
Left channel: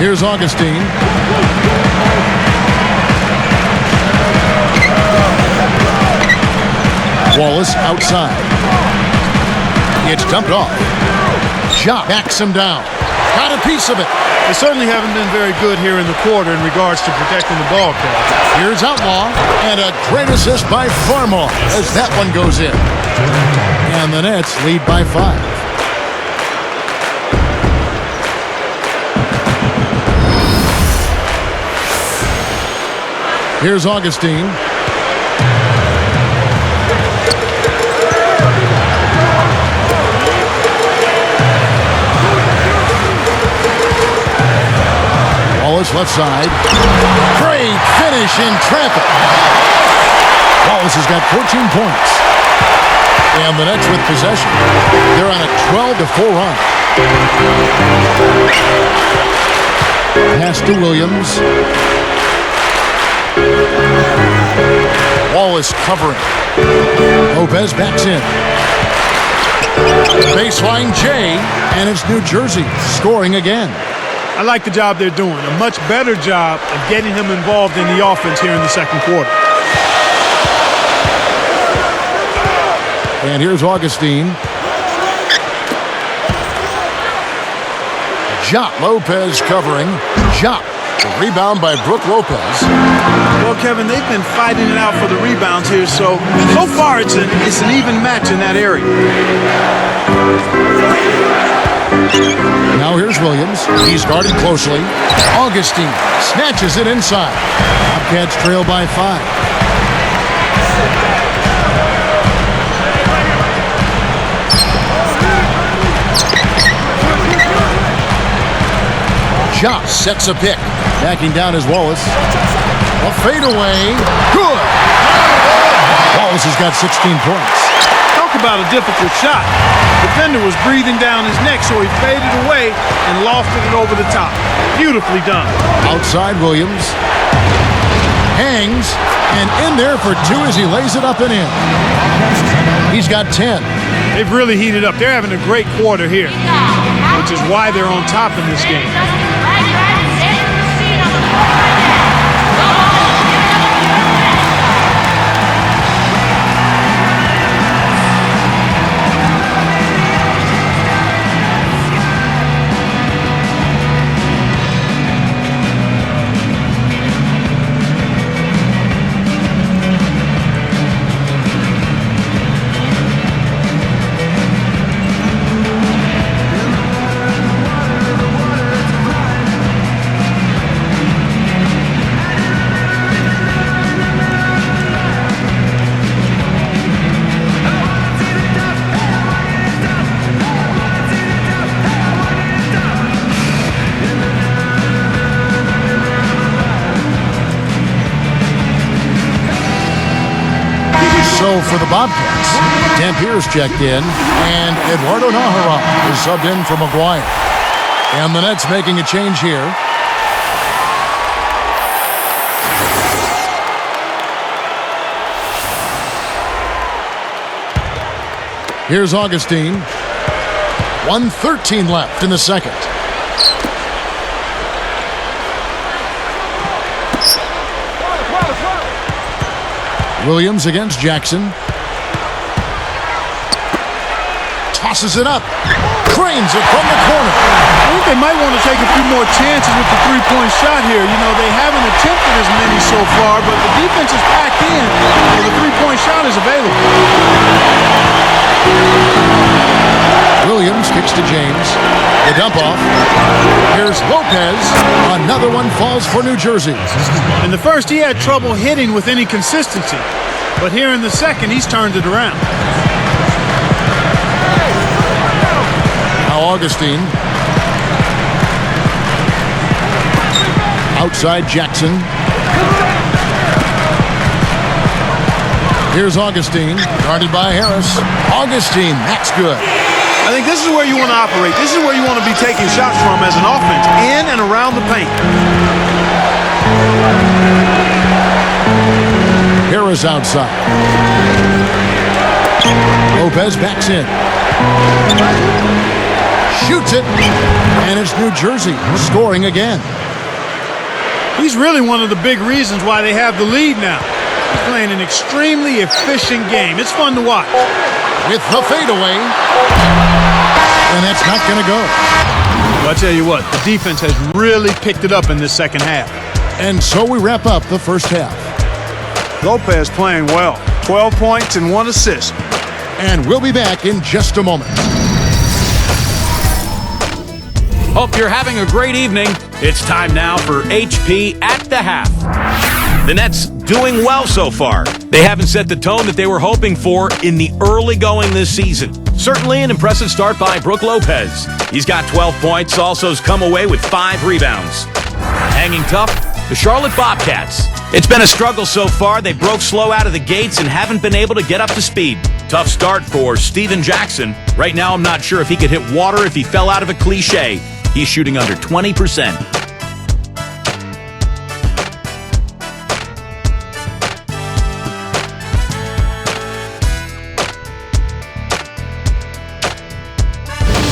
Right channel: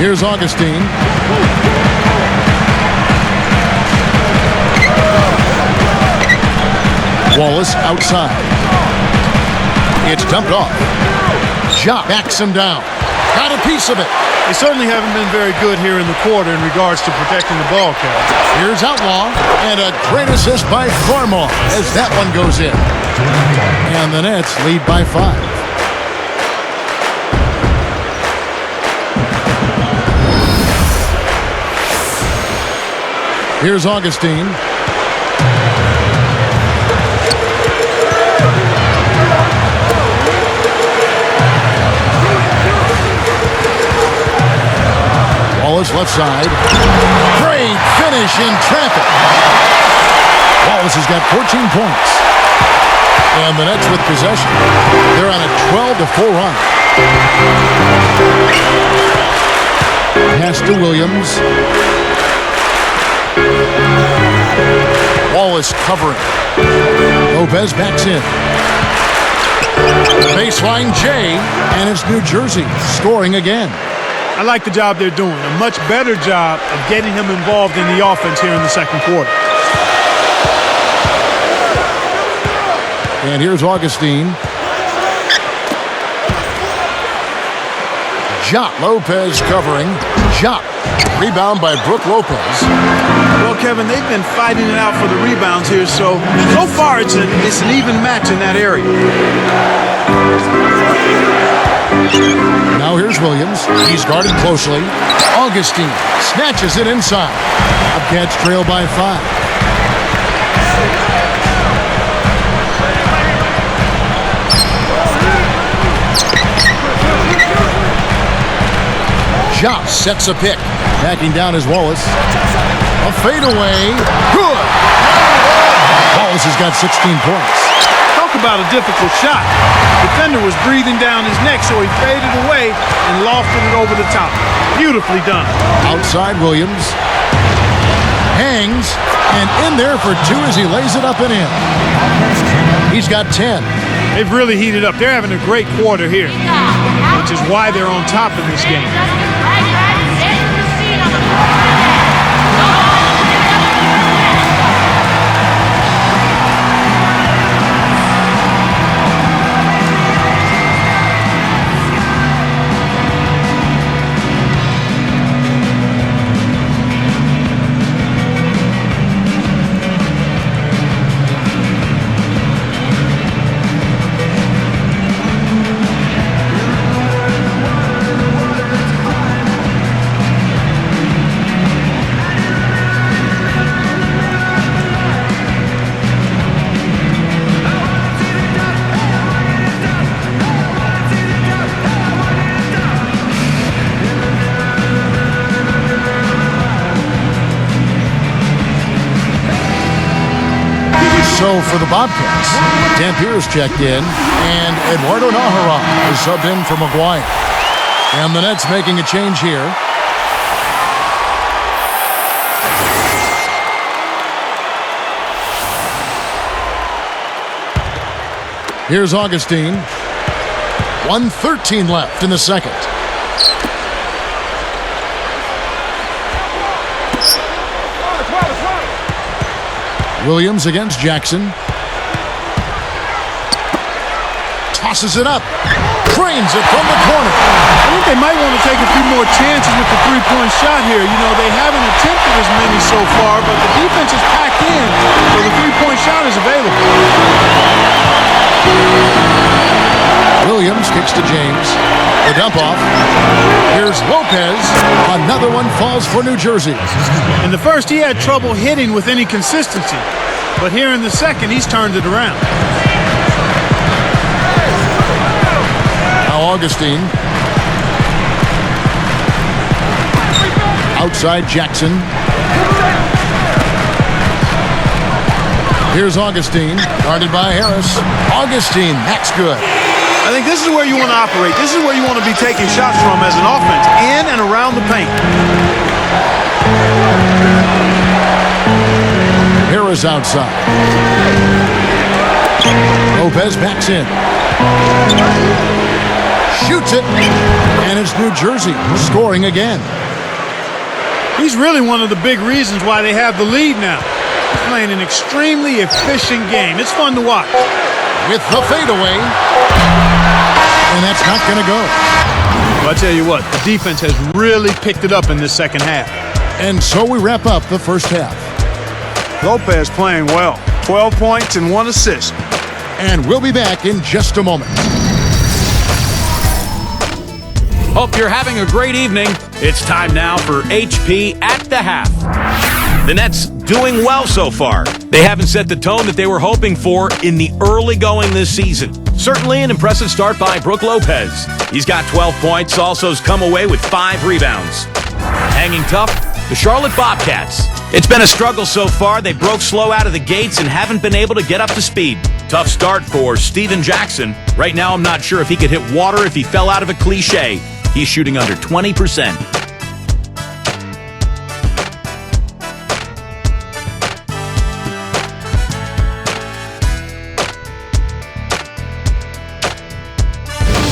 Here's Augustine. Wallace outside. It's dumped off. Ja backs him down. Got a piece of it. They certainly haven't been very good here in the quarter in regards to protecting the ball, Kevin. Here's Outlaw, and a great assist by Farmar as that one goes in. And the Nets lead by 5. Here's Augustine. Wallace left side. Great finish in traffic. Wallace has got 14 points. And the Nets with possession. They're on a 12-4 run. Pass to Williams. Wallace covering. Lopez backs in. Baseline J, and it's New Jersey scoring again. I like the job they're doing. A much better job of getting him involved in the offense here in the second quarter. And here's Augustine. Ja Lopez covering. Ja. Rebound by Brook Lopez. Well, Kevin, they've been fighting it out for the rebounds here, so far it's an even match in that area. Now here's Williams. He's guarded closely. Augustine snatches it inside. Bobcats trail by 5. Josh sets a pick. Backing down is Wallace. A fadeaway. Good. Wallace has got 16 points. Talk about a difficult shot. Defender was breathing down his neck, so he faded away and lofted it over the top. Beautifully done. Outside Williams. Hangs. And in there for 2 as he lays it up and in. He's got 10. They've really heated up. They're having a great quarter here, which is why they're on top in this game. So for the Bobcats, Dampier's checked in, and Eduardo Nahara is subbed in for McGuire. And the Nets making a change here. Here's Augustine. 1:13 left in the second. Williams against Jackson. Tosses it up. Cranes it from the corner. I think they might want to take a few more chances with the three-point shot here. You know, they haven't attempted as many so far, but the defense is packed in, so the three-point shot is available. Williams kicks to James. The dump off. Here's Lopez. Another one falls for New Jersey. In the first, he had trouble hitting with any consistency. But here in the second, he's turned it around. Now Augustine. Outside Jackson. Here's Augustine. Guarded by Harris. Augustine, that's good. I think this is where you want to operate. This is where you want to be taking shots from as an offense, in and around the paint. Harris outside. Lopez backs in. Shoots it. And it's New Jersey scoring again. He's really one of the big reasons why they have the lead now. He's playing an extremely efficient game. It's fun to watch. With the fadeaway. And that's not going to go. Well, I tell you what, the defense has really picked it up in this second half. And so we wrap up the first half. Lopez playing well. 12 points and 1 assist. And we'll be back in just a moment. Hope you're having a great evening. It's time now for HP at the half. The Nets doing well so far. They haven't set the tone that they were hoping for in the early going this season. Certainly an impressive start by Brook Lopez. He's got 12 points, also has come away with 5 rebounds. Hanging tough, the Charlotte Bobcats. It's been a struggle so far. They broke slow out of the gates and haven't been able to get up to speed. Tough start for Steven Jackson. Right now, I'm not sure if he could hit water if he fell out of a cliche. He's shooting under 20%.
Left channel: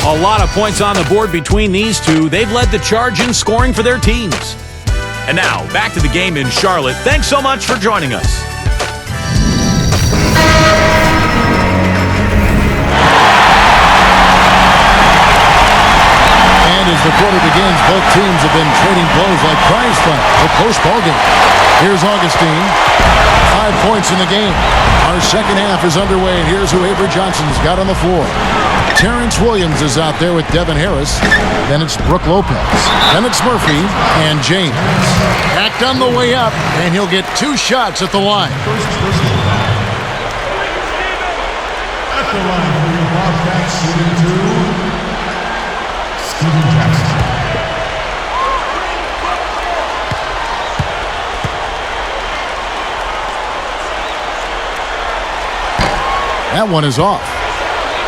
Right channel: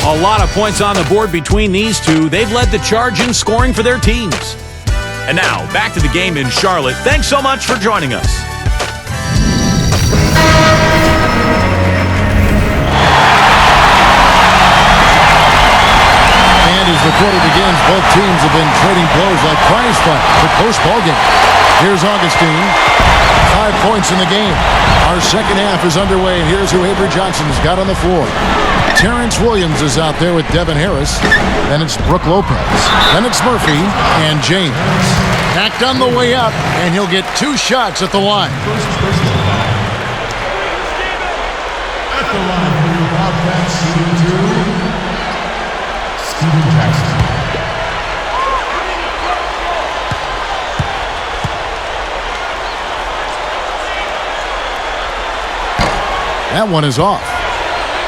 A lot of points on the board between these two. They've led the charge in scoring for their teams. And now, back to the game in Charlotte. Thanks so much for joining us. And as the quarter begins, both teams have been trading blows like prize fights. It's a close ball game. Here's Augustine. 5 points in the game. Our second half is underway, and here's who Avery Johnson's got on the floor. Terrence Williams is out there with Devin Harris. Then it's Brooke Lopez. Then it's Murphy and James. Hacked on the way up, and he'll get 2 shots at the line. First personal foul. At the line for your Bobcats, shooting 2, Steven Jackson. That one is off.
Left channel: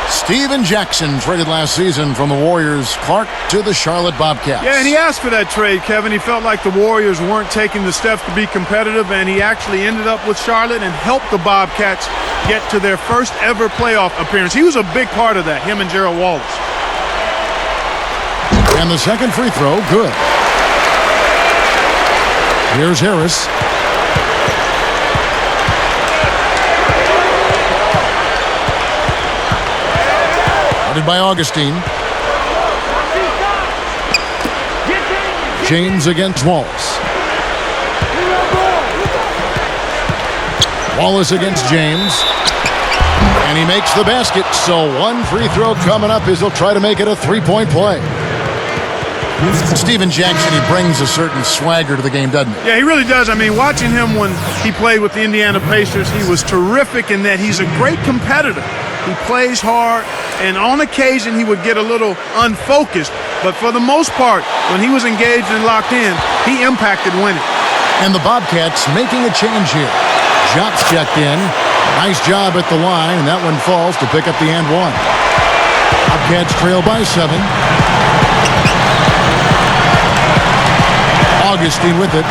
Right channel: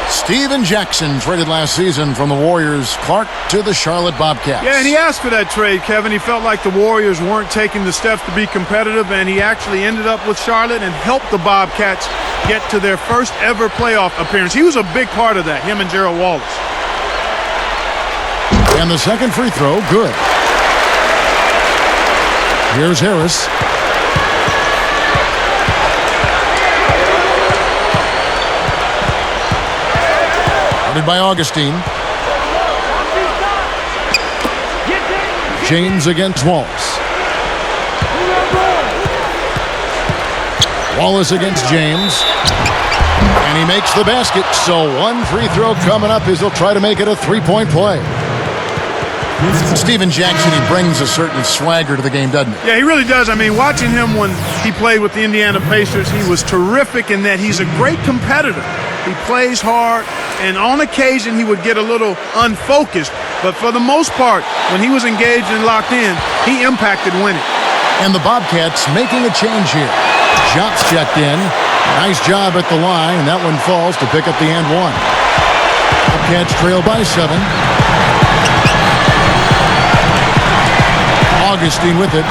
Steven Jackson traded last season from the Warriors' Clark to the Charlotte Bobcats. Yeah, and he asked for that trade, Kevin. He felt like the Warriors weren't taking the steps to be competitive, and he actually ended up with Charlotte and helped the Bobcats get to their first ever playoff appearance. He was a big part of that, him and Gerald Wallace. And the second free throw, good. Here's Harris. Guarded by Augustine. James against Wallace. Wallace against James. And he makes the basket. So one free throw coming up as he'll try to make it a 3-point play. Steven Jackson, he brings a certain swagger to the game, doesn't he? Yeah, he really does. I mean, watching him when he played with the Indiana Pacers, he was terrific in that he's a great competitor. He plays hard, and on occasion he would get a little unfocused. But for the most part, when he was engaged and locked in, he impacted winning. And the Bobcats making a change here. Shots checked in. Nice job at the line, and that one falls to pick up the and one. Bobcats trail by 7. Augustine with it.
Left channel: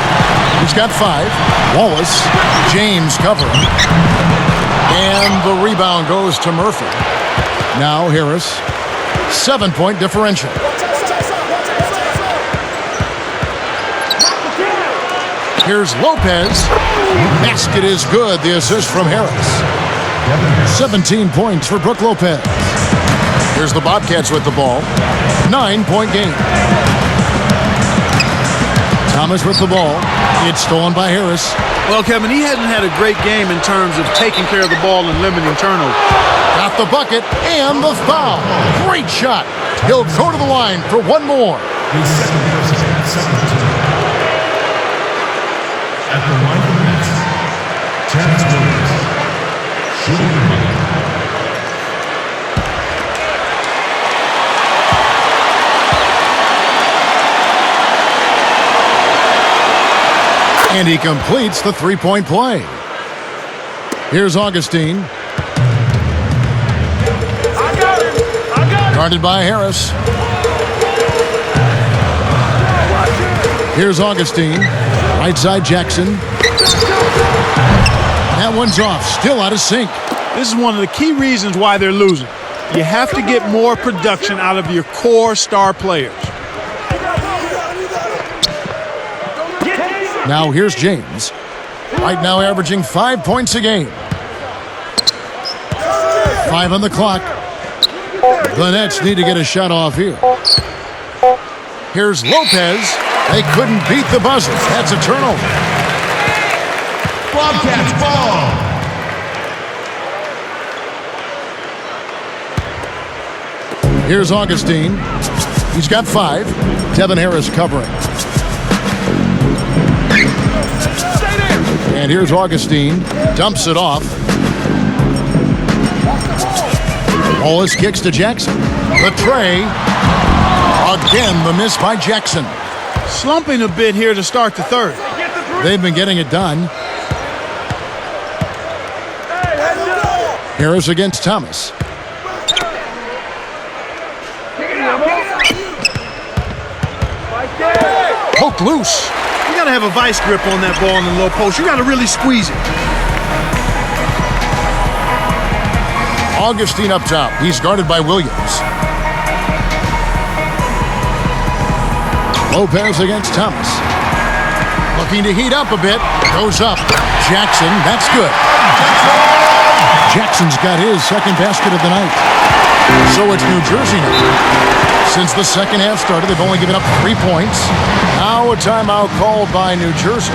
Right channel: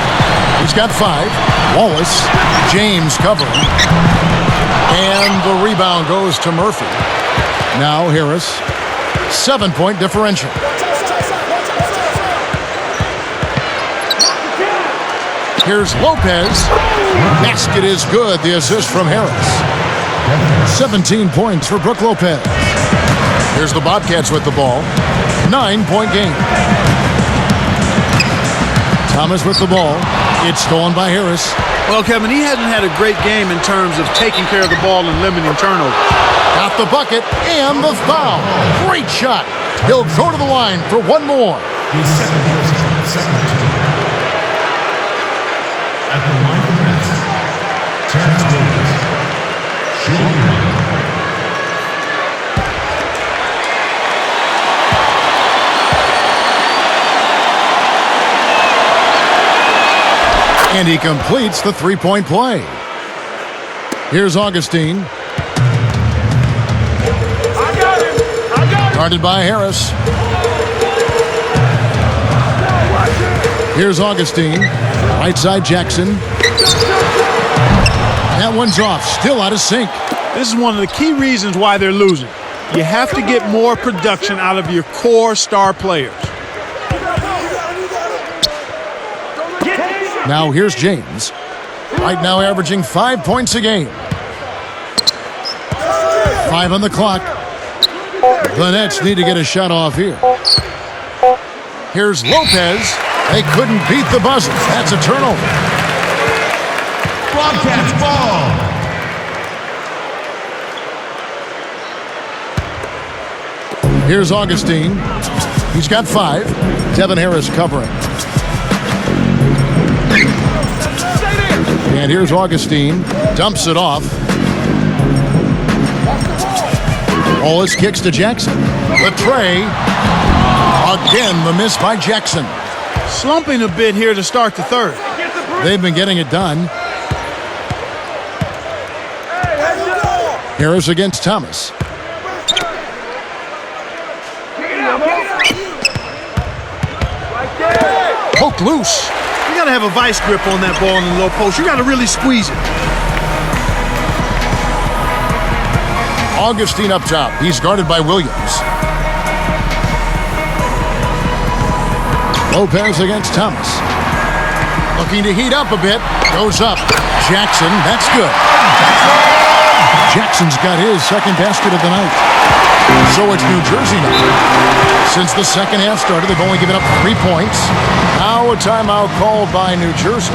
He's got 5. Wallace. James covering. And the rebound goes to Murphy. Now Harris. 7-point differential. Here's Lopez. Basket is good. The assist from Harris. 17 points for Brooke Lopez. Here's the Bobcats with the ball. 9-point game. Thomas with the ball. It's stolen by Harris. Well, Kevin, he hasn't had a great game in terms of taking care of the ball and limiting turnovers. Got the bucket and the foul. Great shot. He'll go to the line for one more. His second person, second team. At the line for the Nets, Terrence Williams. Shooting 1. And he completes the 3-point play. Here's Augustine. I got him. Guarded by Harris. Here's Augustine. Right side Jackson. That one's off. Still out of sync. This is one of the key reasons why they're losing. You have to get more production out of your core star players. Now here's James. Right now averaging 5 points a game. 5 on the clock. The Nets need to get a shot off here. Here's Lopez. They couldn't beat the buzzer. That's a turnover. Bobcats ball. Here's Augustine. He's got 5. Devin Harris covering. And here's Augustine. Dumps it off. Wallace kicks to Jackson. The tray. Again, the miss by Jackson. Slumping a bit here to start the third. They've been getting it done. Harris against Thomas. Poke loose. You got to have a vice grip on that ball in the low post. You got to really squeeze it. Augustine up top. He's guarded by Williams. Lopez against Thomas. Looking to heat up a bit. Goes up. Jackson. That's good. Jackson's got his second basket of the night. So it's New Jersey now. Since the second half started, they've only given up 3 points. Now a timeout called by New Jersey.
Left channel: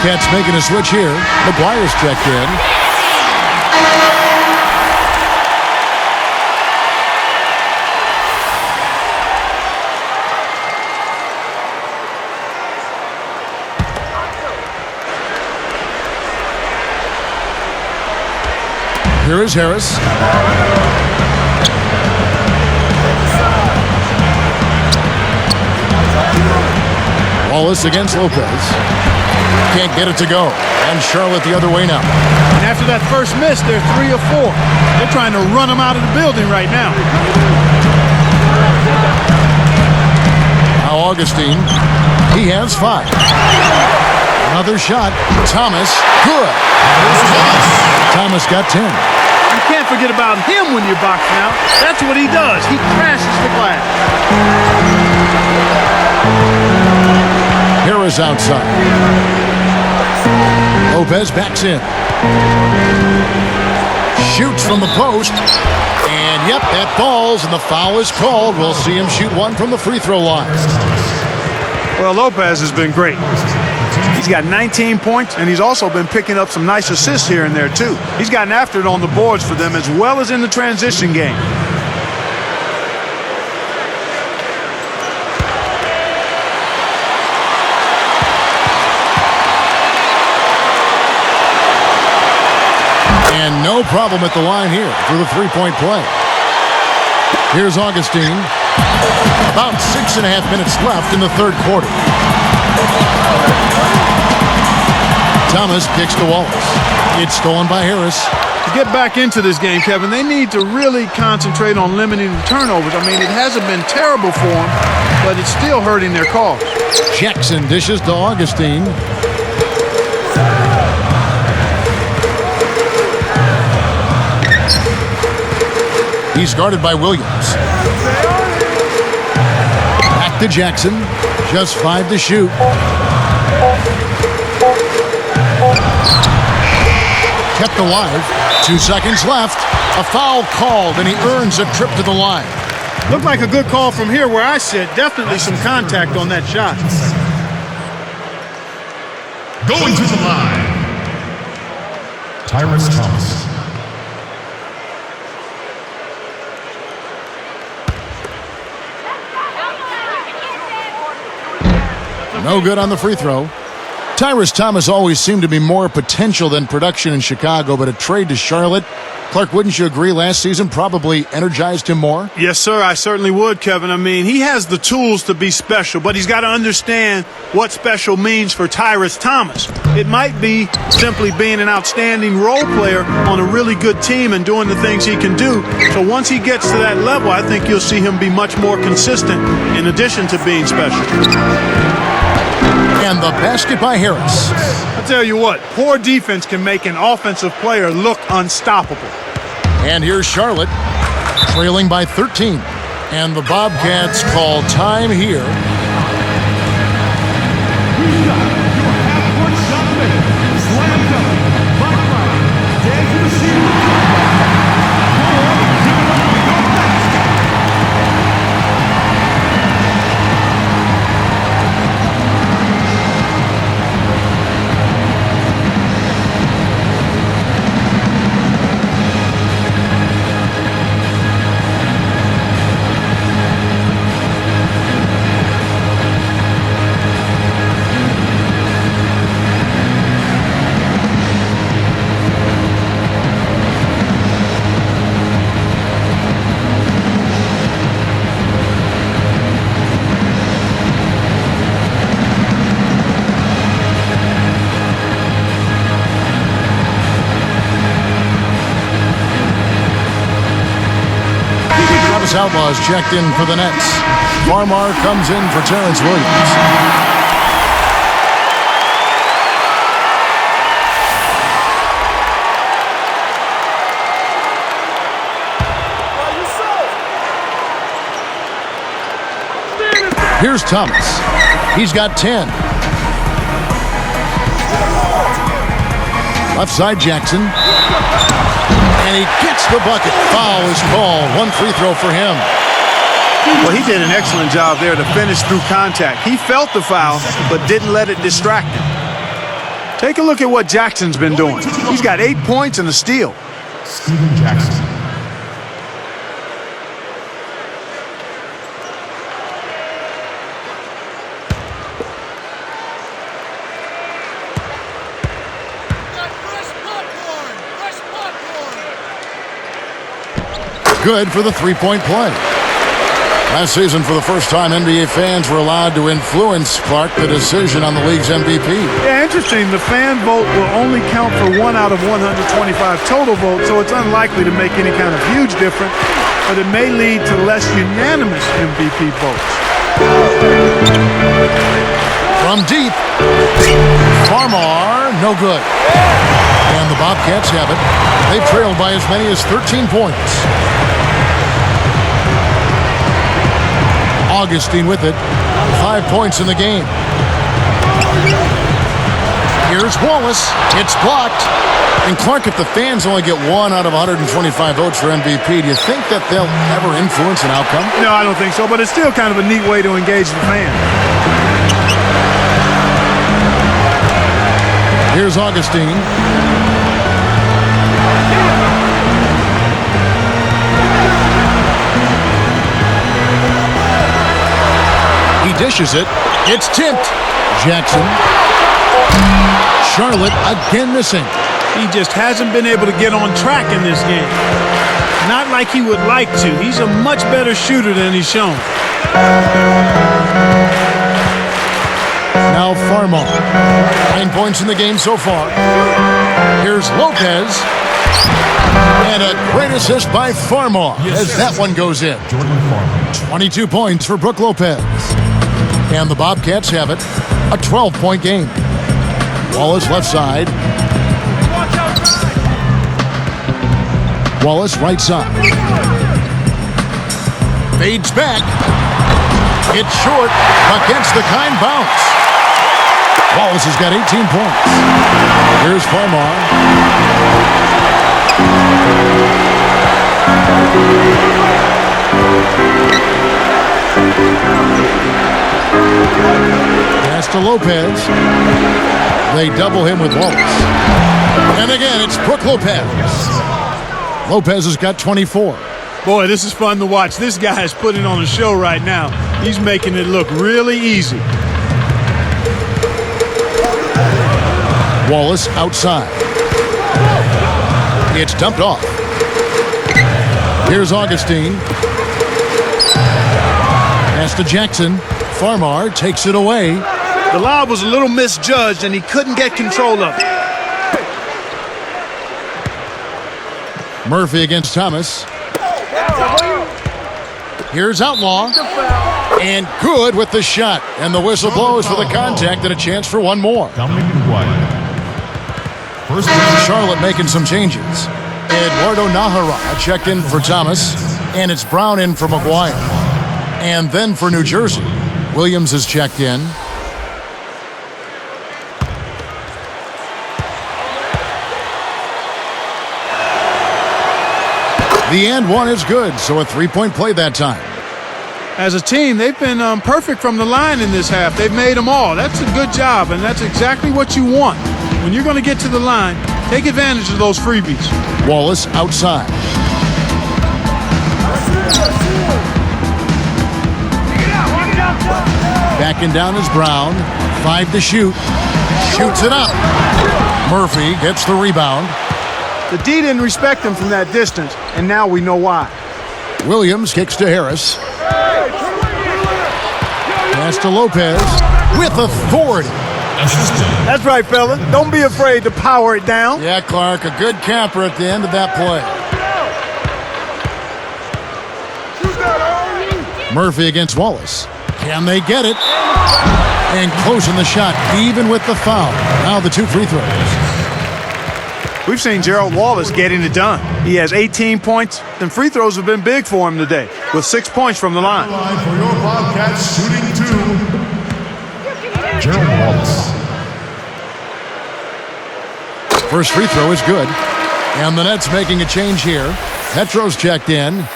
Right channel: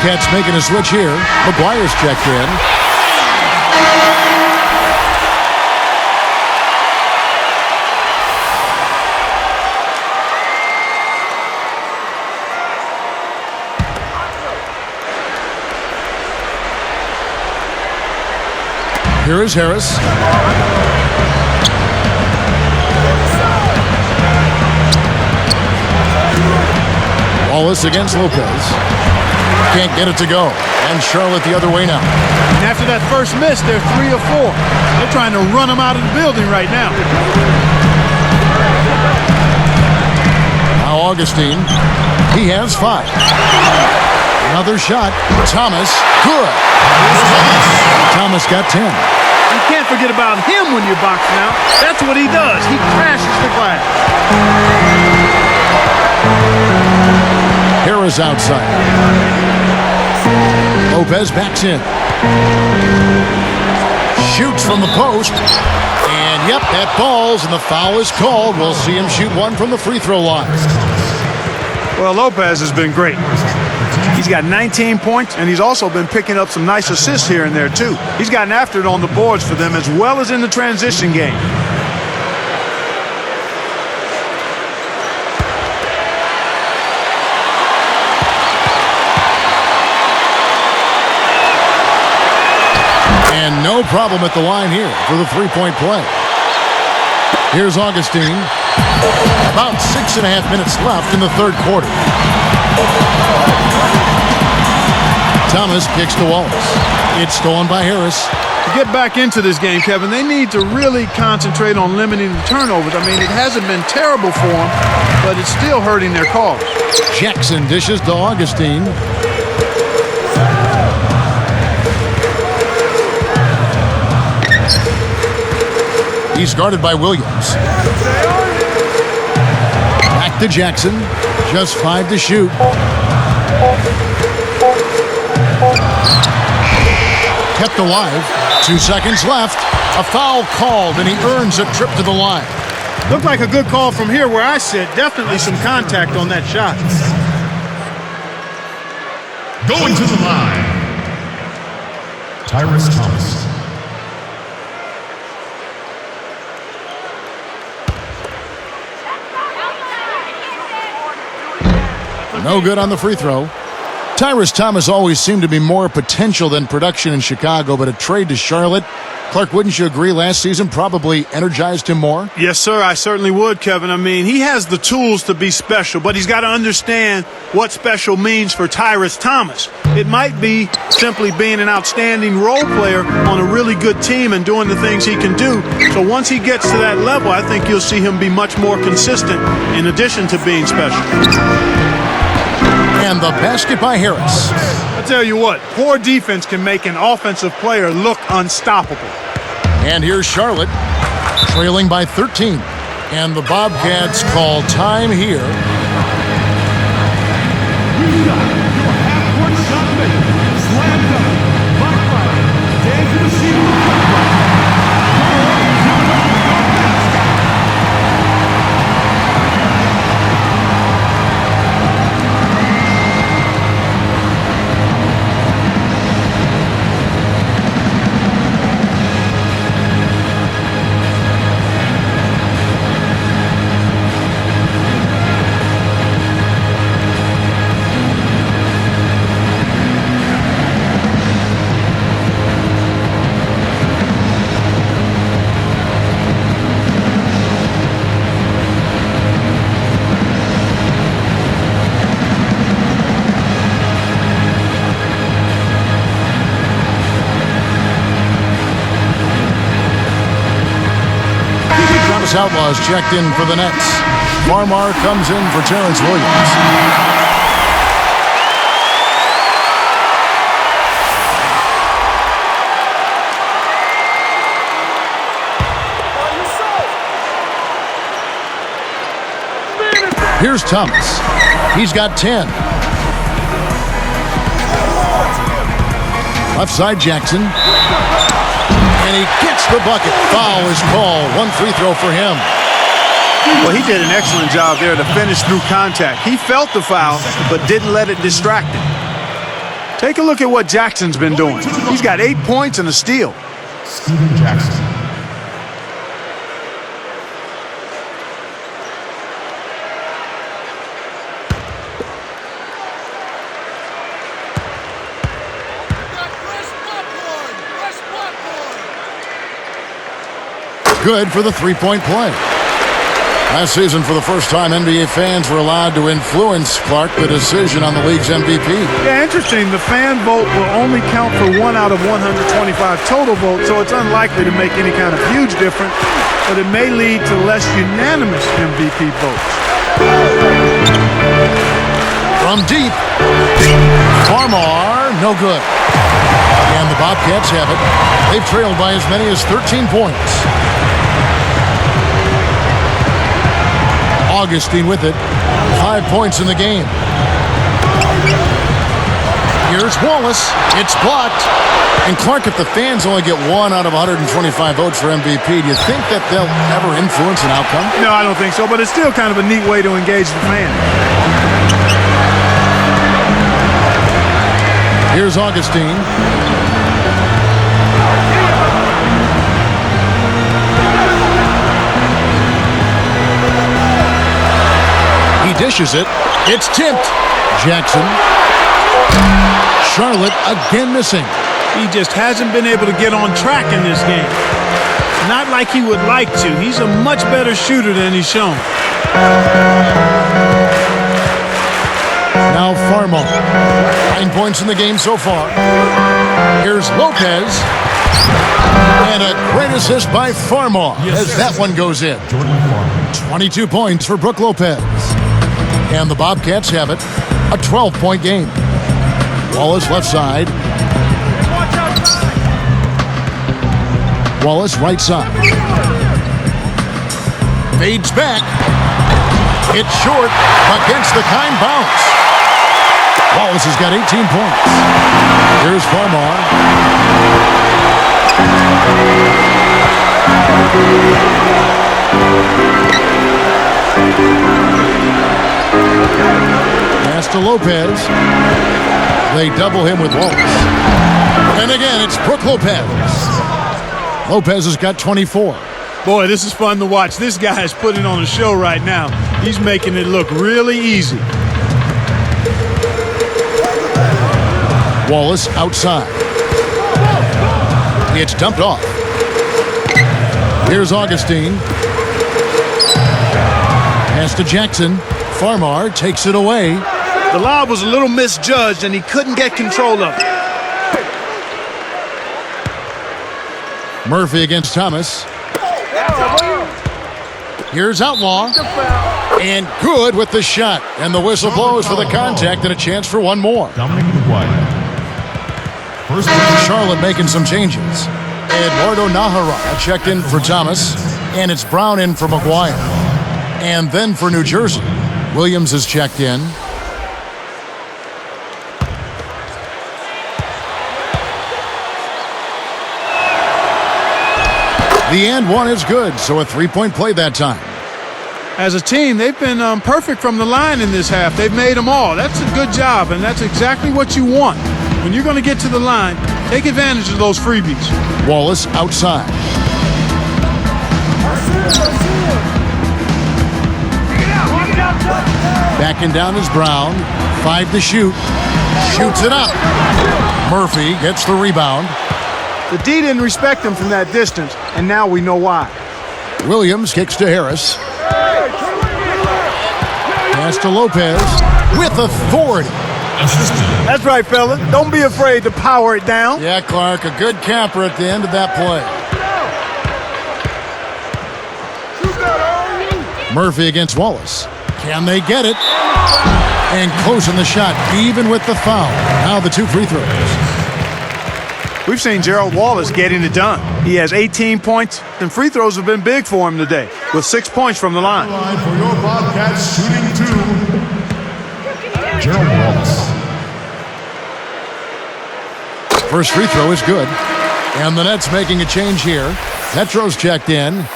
Bobcats making a switch here. McGuire's checked in. Here is Harris. Wallace against Lopez. Can't get it to go. And Charlotte the other way now. And after that first miss, they're 3 of 4. They're trying to run him out of the building right now. Now Augustine. He has 5. Another shot. Thomas. Good. Thomas got 10. You can't forget about him when you're boxing out. That's what he does. He crashes the glass. Harris outside. Lopez backs in. Shoots from the post. And yep, that falls and the foul is called. We'll see him shoot one from the free throw line. Well, Lopez has been great. He's got 19 points, and he's also been picking up some nice assists here and there, too. He's gotten after it on the boards for them as well as in the transition game. And no problem at the line here for the three-point play. Here's Augustine. About 6.5 minutes left in the third quarter. Thomas kicks to Wallace. It's stolen by Harris. To get back into this game, Kevin, they need to really concentrate on limiting the turnovers. I mean, it hasn't been terrible for them, but it's still hurting their cause. Jackson dishes to Augustine. He's guarded by Williams. Back to Jackson. Just 5 to shoot. Kept alive. 2 seconds left. A foul called, and he earns a trip to the line. Looked like a good call from here where I sit. Definitely some contact on that shot. Going to the line, Tyrus Thomas. No good on the free throw. Tyrus Thomas always seemed to be more potential than production in Chicago, but a trade to Charlotte, Clark, wouldn't you agree last season probably energized him more? Yes, sir, I certainly would, Kevin. I mean, he has the tools to be special, but he's got to understand what special means for Tyrus Thomas. It might be simply being an outstanding role player on a really good team and doing the things he can do. So once he gets to that level, I think you'll see him be much more consistent in addition to being special. And the basket by Harris. I tell you what, poor defense can make an offensive player look unstoppable. And here's Charlotte, trailing by 13. And the Bobcats call time here. Travis Outlaw's checked in for the Nets. Farmar comes in for Terrence Williams. Here's Thomas. He's got 10. Left side Jackson. And he gets the bucket. Foul is called. One free throw for him. Well, he did an excellent job there to finish through contact. He felt the foul, but didn't let it distract him. Take a look at what Jackson's been doing. He's got 8 points and a steal. Steven Jackson. Good for the three-point play. Last season, for the first time, NBA fans were allowed to influence, Clark, the decision on the league's MVP. Yeah, interesting. The fan vote will only count for 1 out of 125 total votes, so it's unlikely to make any kind of huge difference, but it may lead to less unanimous MVP votes. From deep, Farmar, no good. And the Bobcats have it. They've trailed by as many as 13 points. Augustine with it. 5 points in the game. Here's Wallace. It's blocked. And Clark, if the fans only get 1 out of 125 votes for MVP, do you think that they'll ever influence an outcome? No, I don't think so, but it's still kind of a neat way to engage the fans. Here's Augustine. He dishes it. It's tipped. Jackson. Charlotte again missing. He just hasn't been able to get on track in this game. Not like he would like to. He's a much better shooter than he's shown. Now Farmar. 9 points in the game so far. Here's Lopez. And a great assist by Farmar as that one goes in. 22 points for Brook Lopez. And the Bobcats have it. A 12-point game. Wallace left side. Wallace right side. Fades back. It's short, but gets the kind bounce. Wallace has got 18 points. Here's Farmar. Pass to Lopez. They double him with Wallace. And again, it's Brook Lopez. Lopez has got 24. Boy, this is fun to watch. This guy is putting on a show right now. He's making it look really easy. Wallace outside. It's dumped off. Here's Augustine. Pass to Jackson. Farmar takes it away. The lob was a little misjudged, and he couldn't get control of it. Murphy against Thomas. Here's Outlaw. And good with the shot. And the whistle blows for the contact and a chance for one more. Charlotte making some changes. Eduardo Nahara checked in for Thomas. And it's Brown in for McGuire. And then for New Jersey, Williams is checked in. The and one is good, so a three-point play that time. As a team, they've been perfect from the line in this half. They've made them all. That's a good job, and that's exactly what you want. When you're going to get to the line, take advantage of those freebies. Wallace outside. Backing down is Brown. 5 to shoot. Shoots it up. Murphy gets the rebound. The D didn't respect him from that distance, and now we know why. Williams kicks to Harris. Pass to Lopez with authority. That's right, fella. Don't be afraid to power it down. Yeah, Clark, a good camper at the end of that play. Murphy against Wallace. Can they get it? And closing the shot, even with the foul. Now the 2 free throws. We've seen Gerald Wallace getting it done. He has 18 points, and free throws have been big for him today, with 6 points from the line. For your Bobcats, shooting 2. Gerald Wallace. First free throw is good. And the Nets making a change here. Petro's checked in.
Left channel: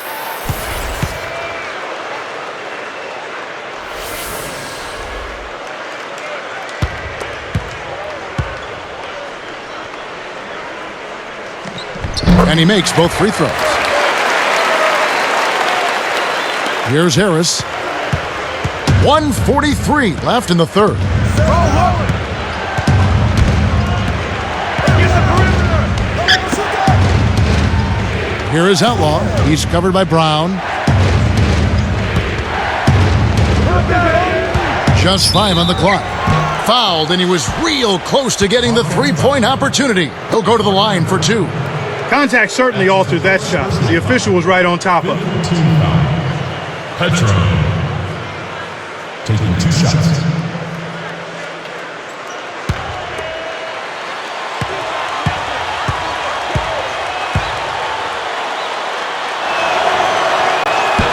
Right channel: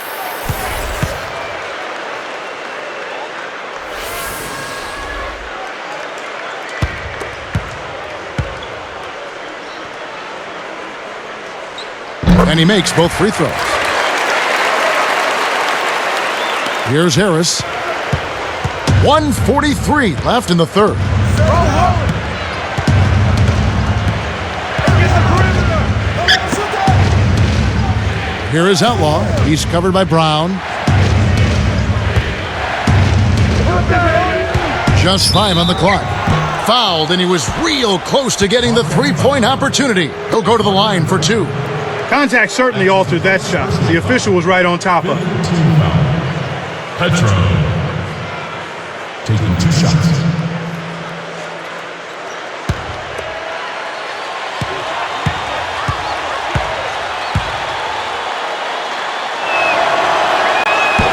And he makes both free throws. Here's Harris. 1:43 left in the third. Here is Outlaw. He's covered by Brown. Just 5 on the clock. Fouled, and he was real close to getting the three-point opportunity. He'll go to the line for 2. Contact certainly altered that shot. The official was right on top of it. Team foul. Petro. Taking 2 shots.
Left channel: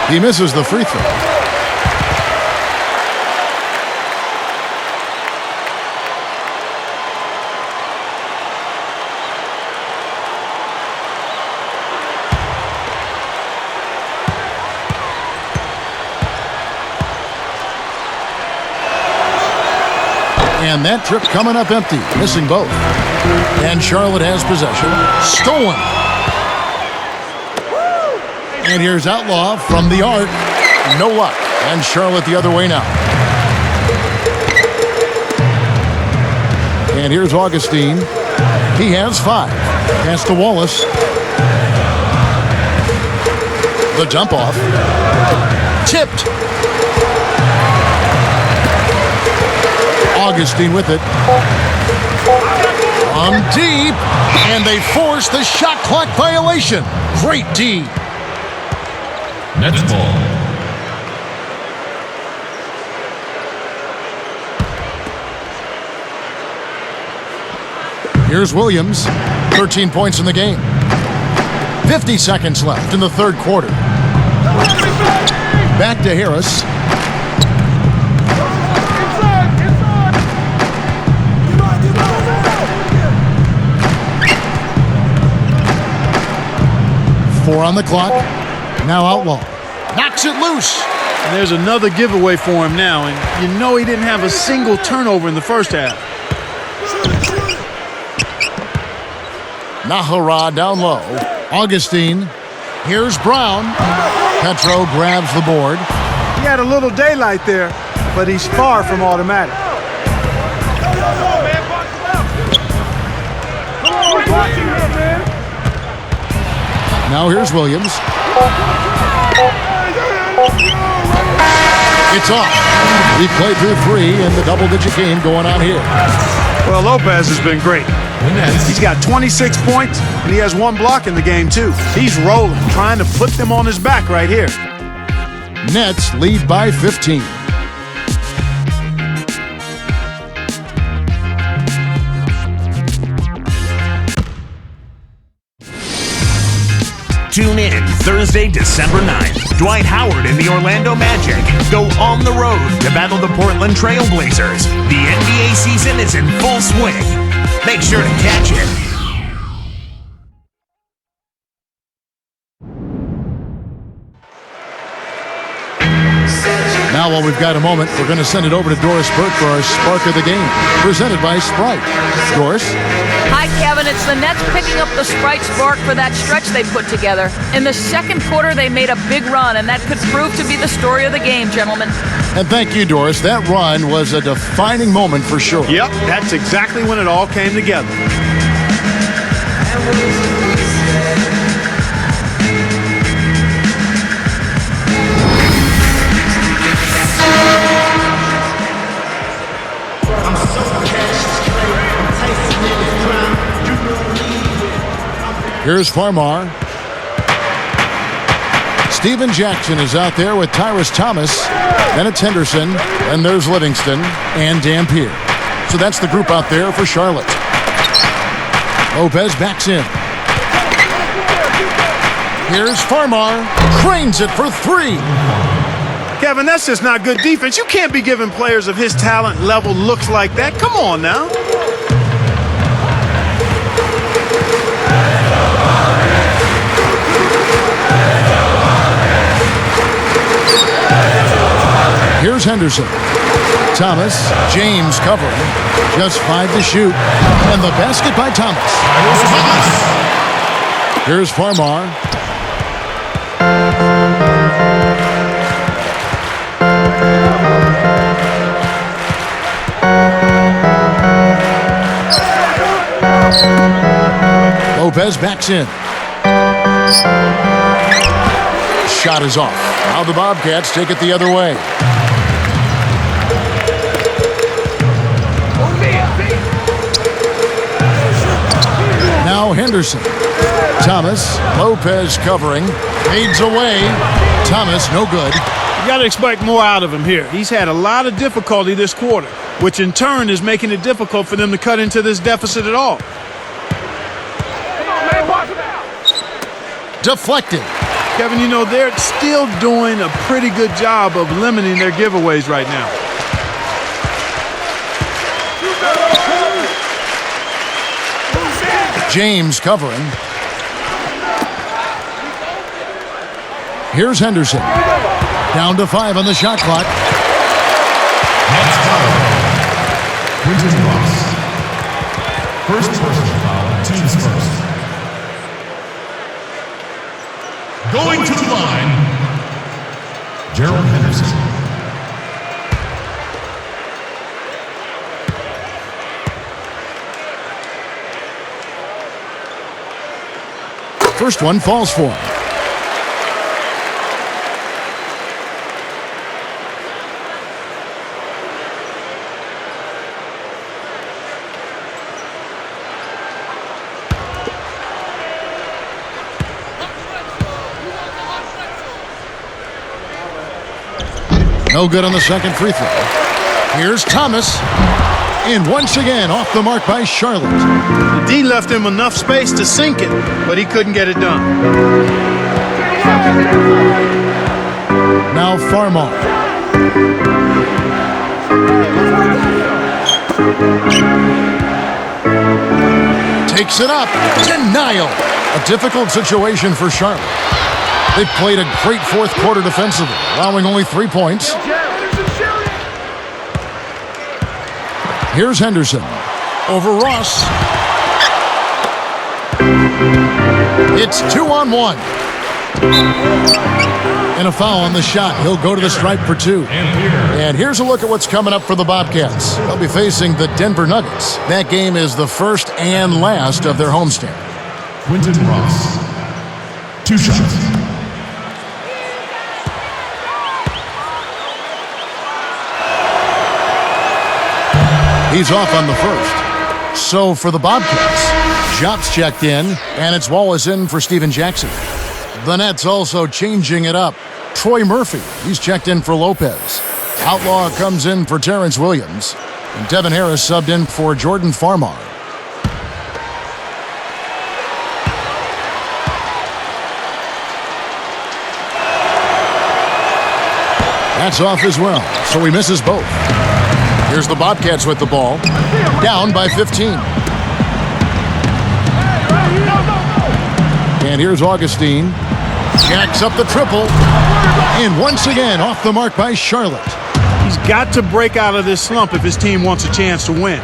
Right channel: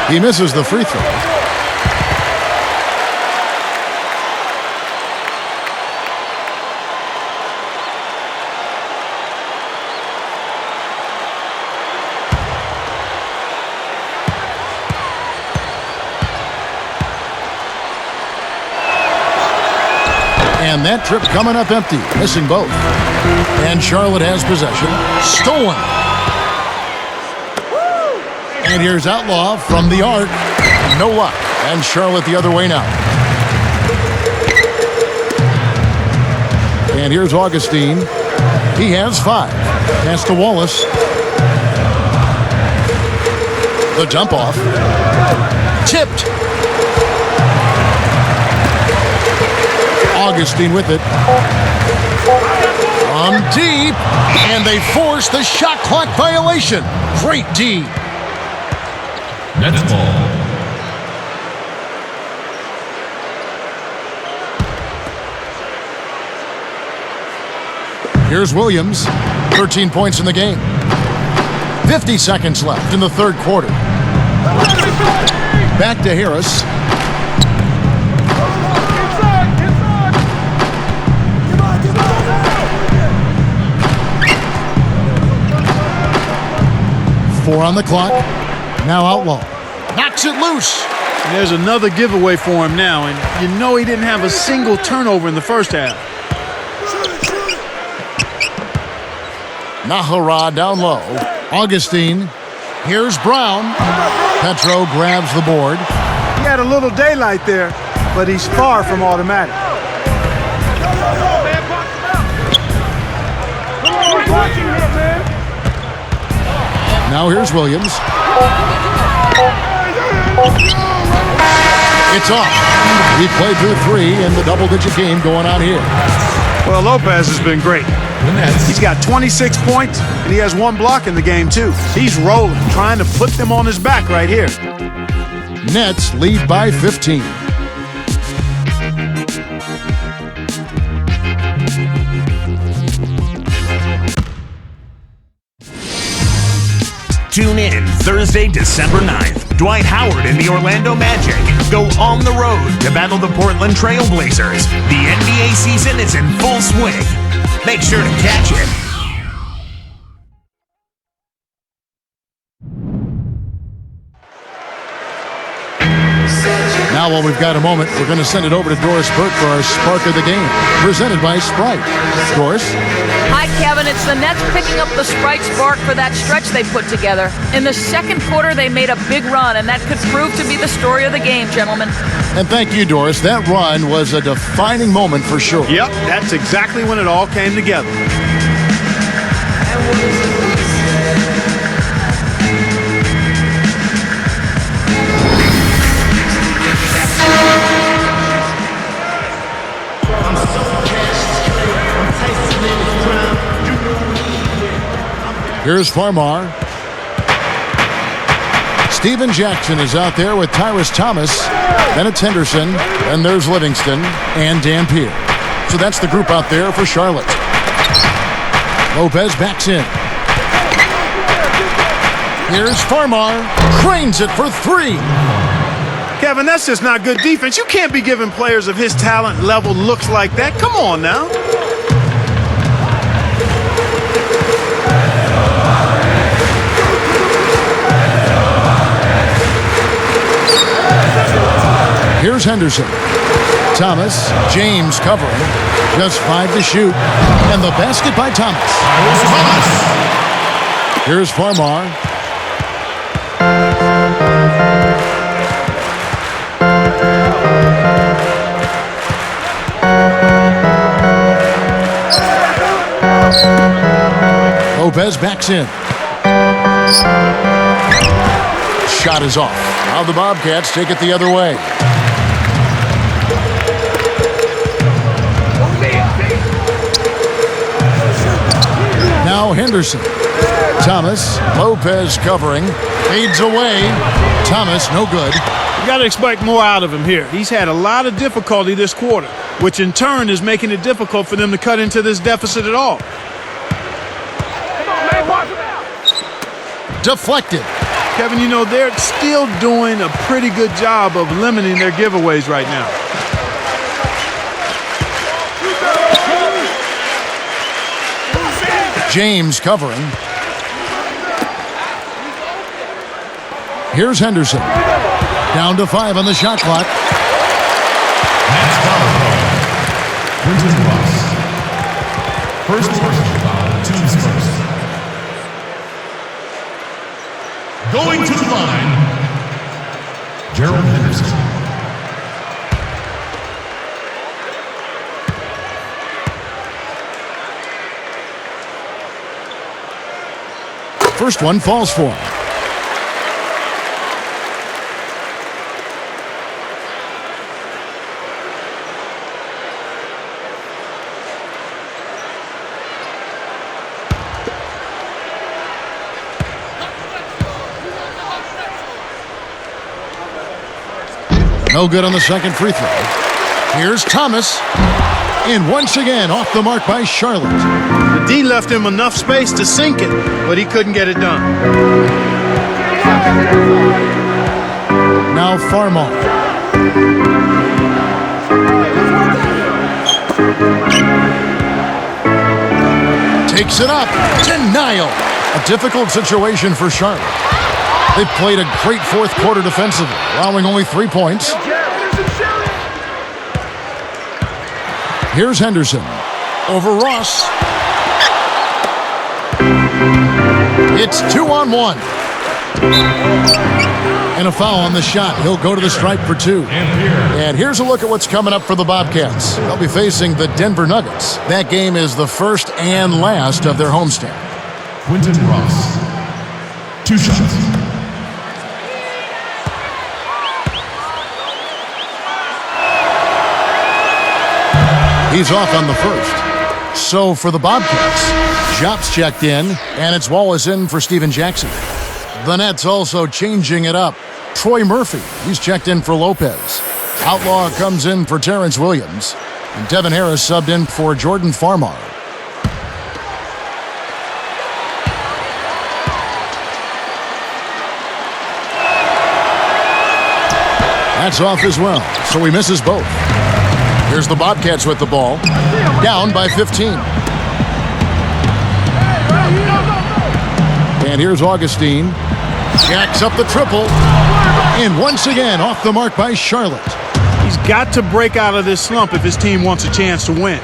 He misses the free throw. And that trip coming up empty, missing both. And Charlotte has possession. Stolen. And here's Outlaw from the arc. No luck. And Charlotte the other way now. And here's Augustine. He has 5. Pass to Wallace. The dump off. Tipped. Augustine with it. From deep. And they force the shot clock violation. Great D. Nets ball. Here's Williams. 13 points in the game. 50 seconds left in the third quarter. Back to Harris. Four on the clock. Now Outlaw. Knocks it loose. And there's another giveaway for him now, and you know he didn't have a single turnover in the first half. Nahara down low. Augustine. Here's Brown. Petro grabs the board. He had a little daylight there, but he's far from automatic. Now here's Williams. It's off. We played through 3 in the double-digit game going on here. Well, Lopez has been great. He's got 26 points, and he has 1 block in the game, too. He's rolling, trying to put them on his back right here. Nets lead by 15. Tune in Thursday, December 9th. Dwight Howard and the Orlando Magic go on the road to battle the Portland Trail Blazers. The NBA season is in full swing. Make sure to catch it. Now, while we've got a moment, we're going to send it over to Doris Burke for our Spark of the Game, presented by Sprite. Doris? Hi, Kevin. It's the Nets picking up the Sprite Spark for that stretch they put together. In the second quarter, they made a big run, and that could prove to be the story of the game, gentlemen. And thank you, Doris. That run was a defining moment for sure. Yep, that's exactly when it all came together. Here's Farmar. Steven Jackson is out there with Tyrus Thomas. Then it's Henderson. Then there's Livingston and Dampier. So that's the group out there for Charlotte. Lopez backs in. Here's Farmar. Cranes it for 3. Kevin, that's just not good defense. You can't be giving players of his talent level looks like that. Come on now. Here's Henderson. Thomas. James covering. Just 5 to shoot. And the basket by Thomas. Here's Farmar. Lopez backs in. Shot is off. Now the Bobcats take it the other way. Now Henderson. Thomas. Lopez covering. Fades away. Thomas, no good. You got to expect more out of him here. He's had a lot of difficulty this quarter, which in turn is making it difficult for them to cut into this deficit at all. Deflected. Kevin, you know, they're still doing a pretty good job of limiting their giveaways right now. James covering. Here's Henderson. Down to 5 on the shot clock. Next foul. Quentin Ross. First personal foul, team's first. Going to the line, Gerald Henderson. First one falls for him. No good on the second free throw. Here's Thomas. And once again, off the mark by Charlotte. The D left him enough space to sink it, but he couldn't get it done. Now Farmar. Takes it up. Denial. A difficult situation for Charlotte. They've played a great fourth quarter defensively, allowing only 3 points. Here's Henderson. Over Ross. It's 2-on-1. And a foul on the shot. He'll go to the stripe for 2. And here's a look at what's coming up for the Bobcats. They'll be facing the Denver Nuggets. That game is the first and last of their homestand. Quentin Ross. 2 shots. He's off on the first. So for the Bobcats, Jop's checked in, and it's Wallace in for Steven Jackson. The Nets also changing it up. Troy Murphy, he's checked in for Lopez. Outlaw comes in for Terrence Williams. And Devin Harris subbed in for Jordan Farmar. That's off as well, so he misses both. Here's the Bobcats with the ball. Down by 15. And here's Augustine. Jacks up the triple. And once again, off the mark by Charlotte. He's got to break out of this slump if his team wants a chance to win.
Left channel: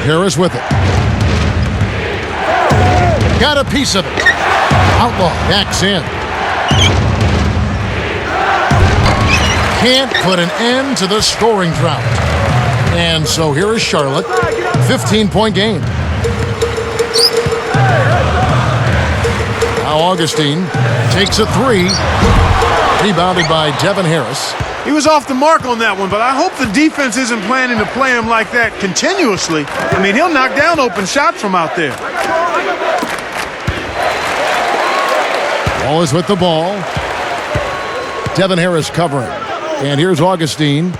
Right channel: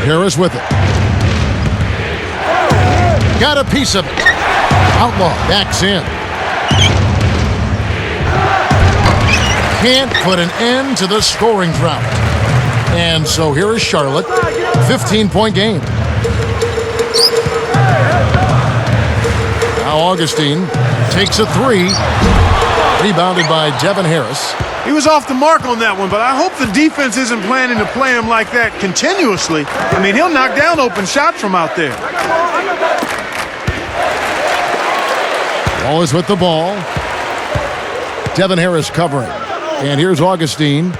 Harris with it. Got a piece of it. Outlaw backs in. Can't put an end to the scoring drought. And so here is Charlotte, 15-point game. Now Augustine takes a 3, rebounded by Devin Harris. He was off the mark on that one, but I hope the defense isn't planning to play him like that continuously. I mean, he'll knock down open shots from out there. Wallace with the ball. Devin Harris covering. And here's Augustine.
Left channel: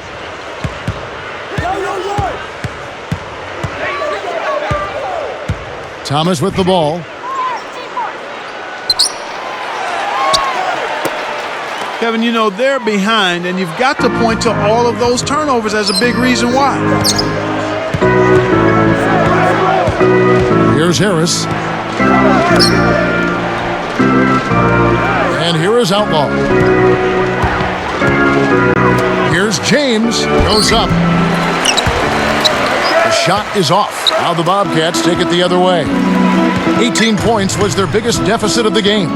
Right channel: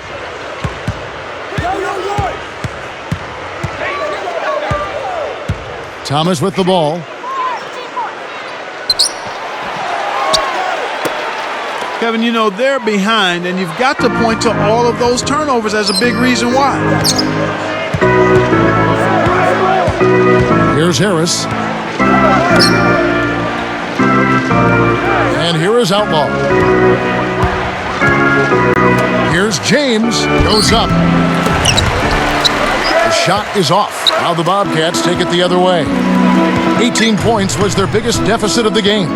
Thomas with the ball. Kevin, you know, they're behind, and you've got to point to all of those turnovers as a big reason why. Here's Harris. And here is Outlaw. Here's James. Goes up. The shot is off. Now the Bobcats take it the other way. 18 points was their biggest deficit of the game.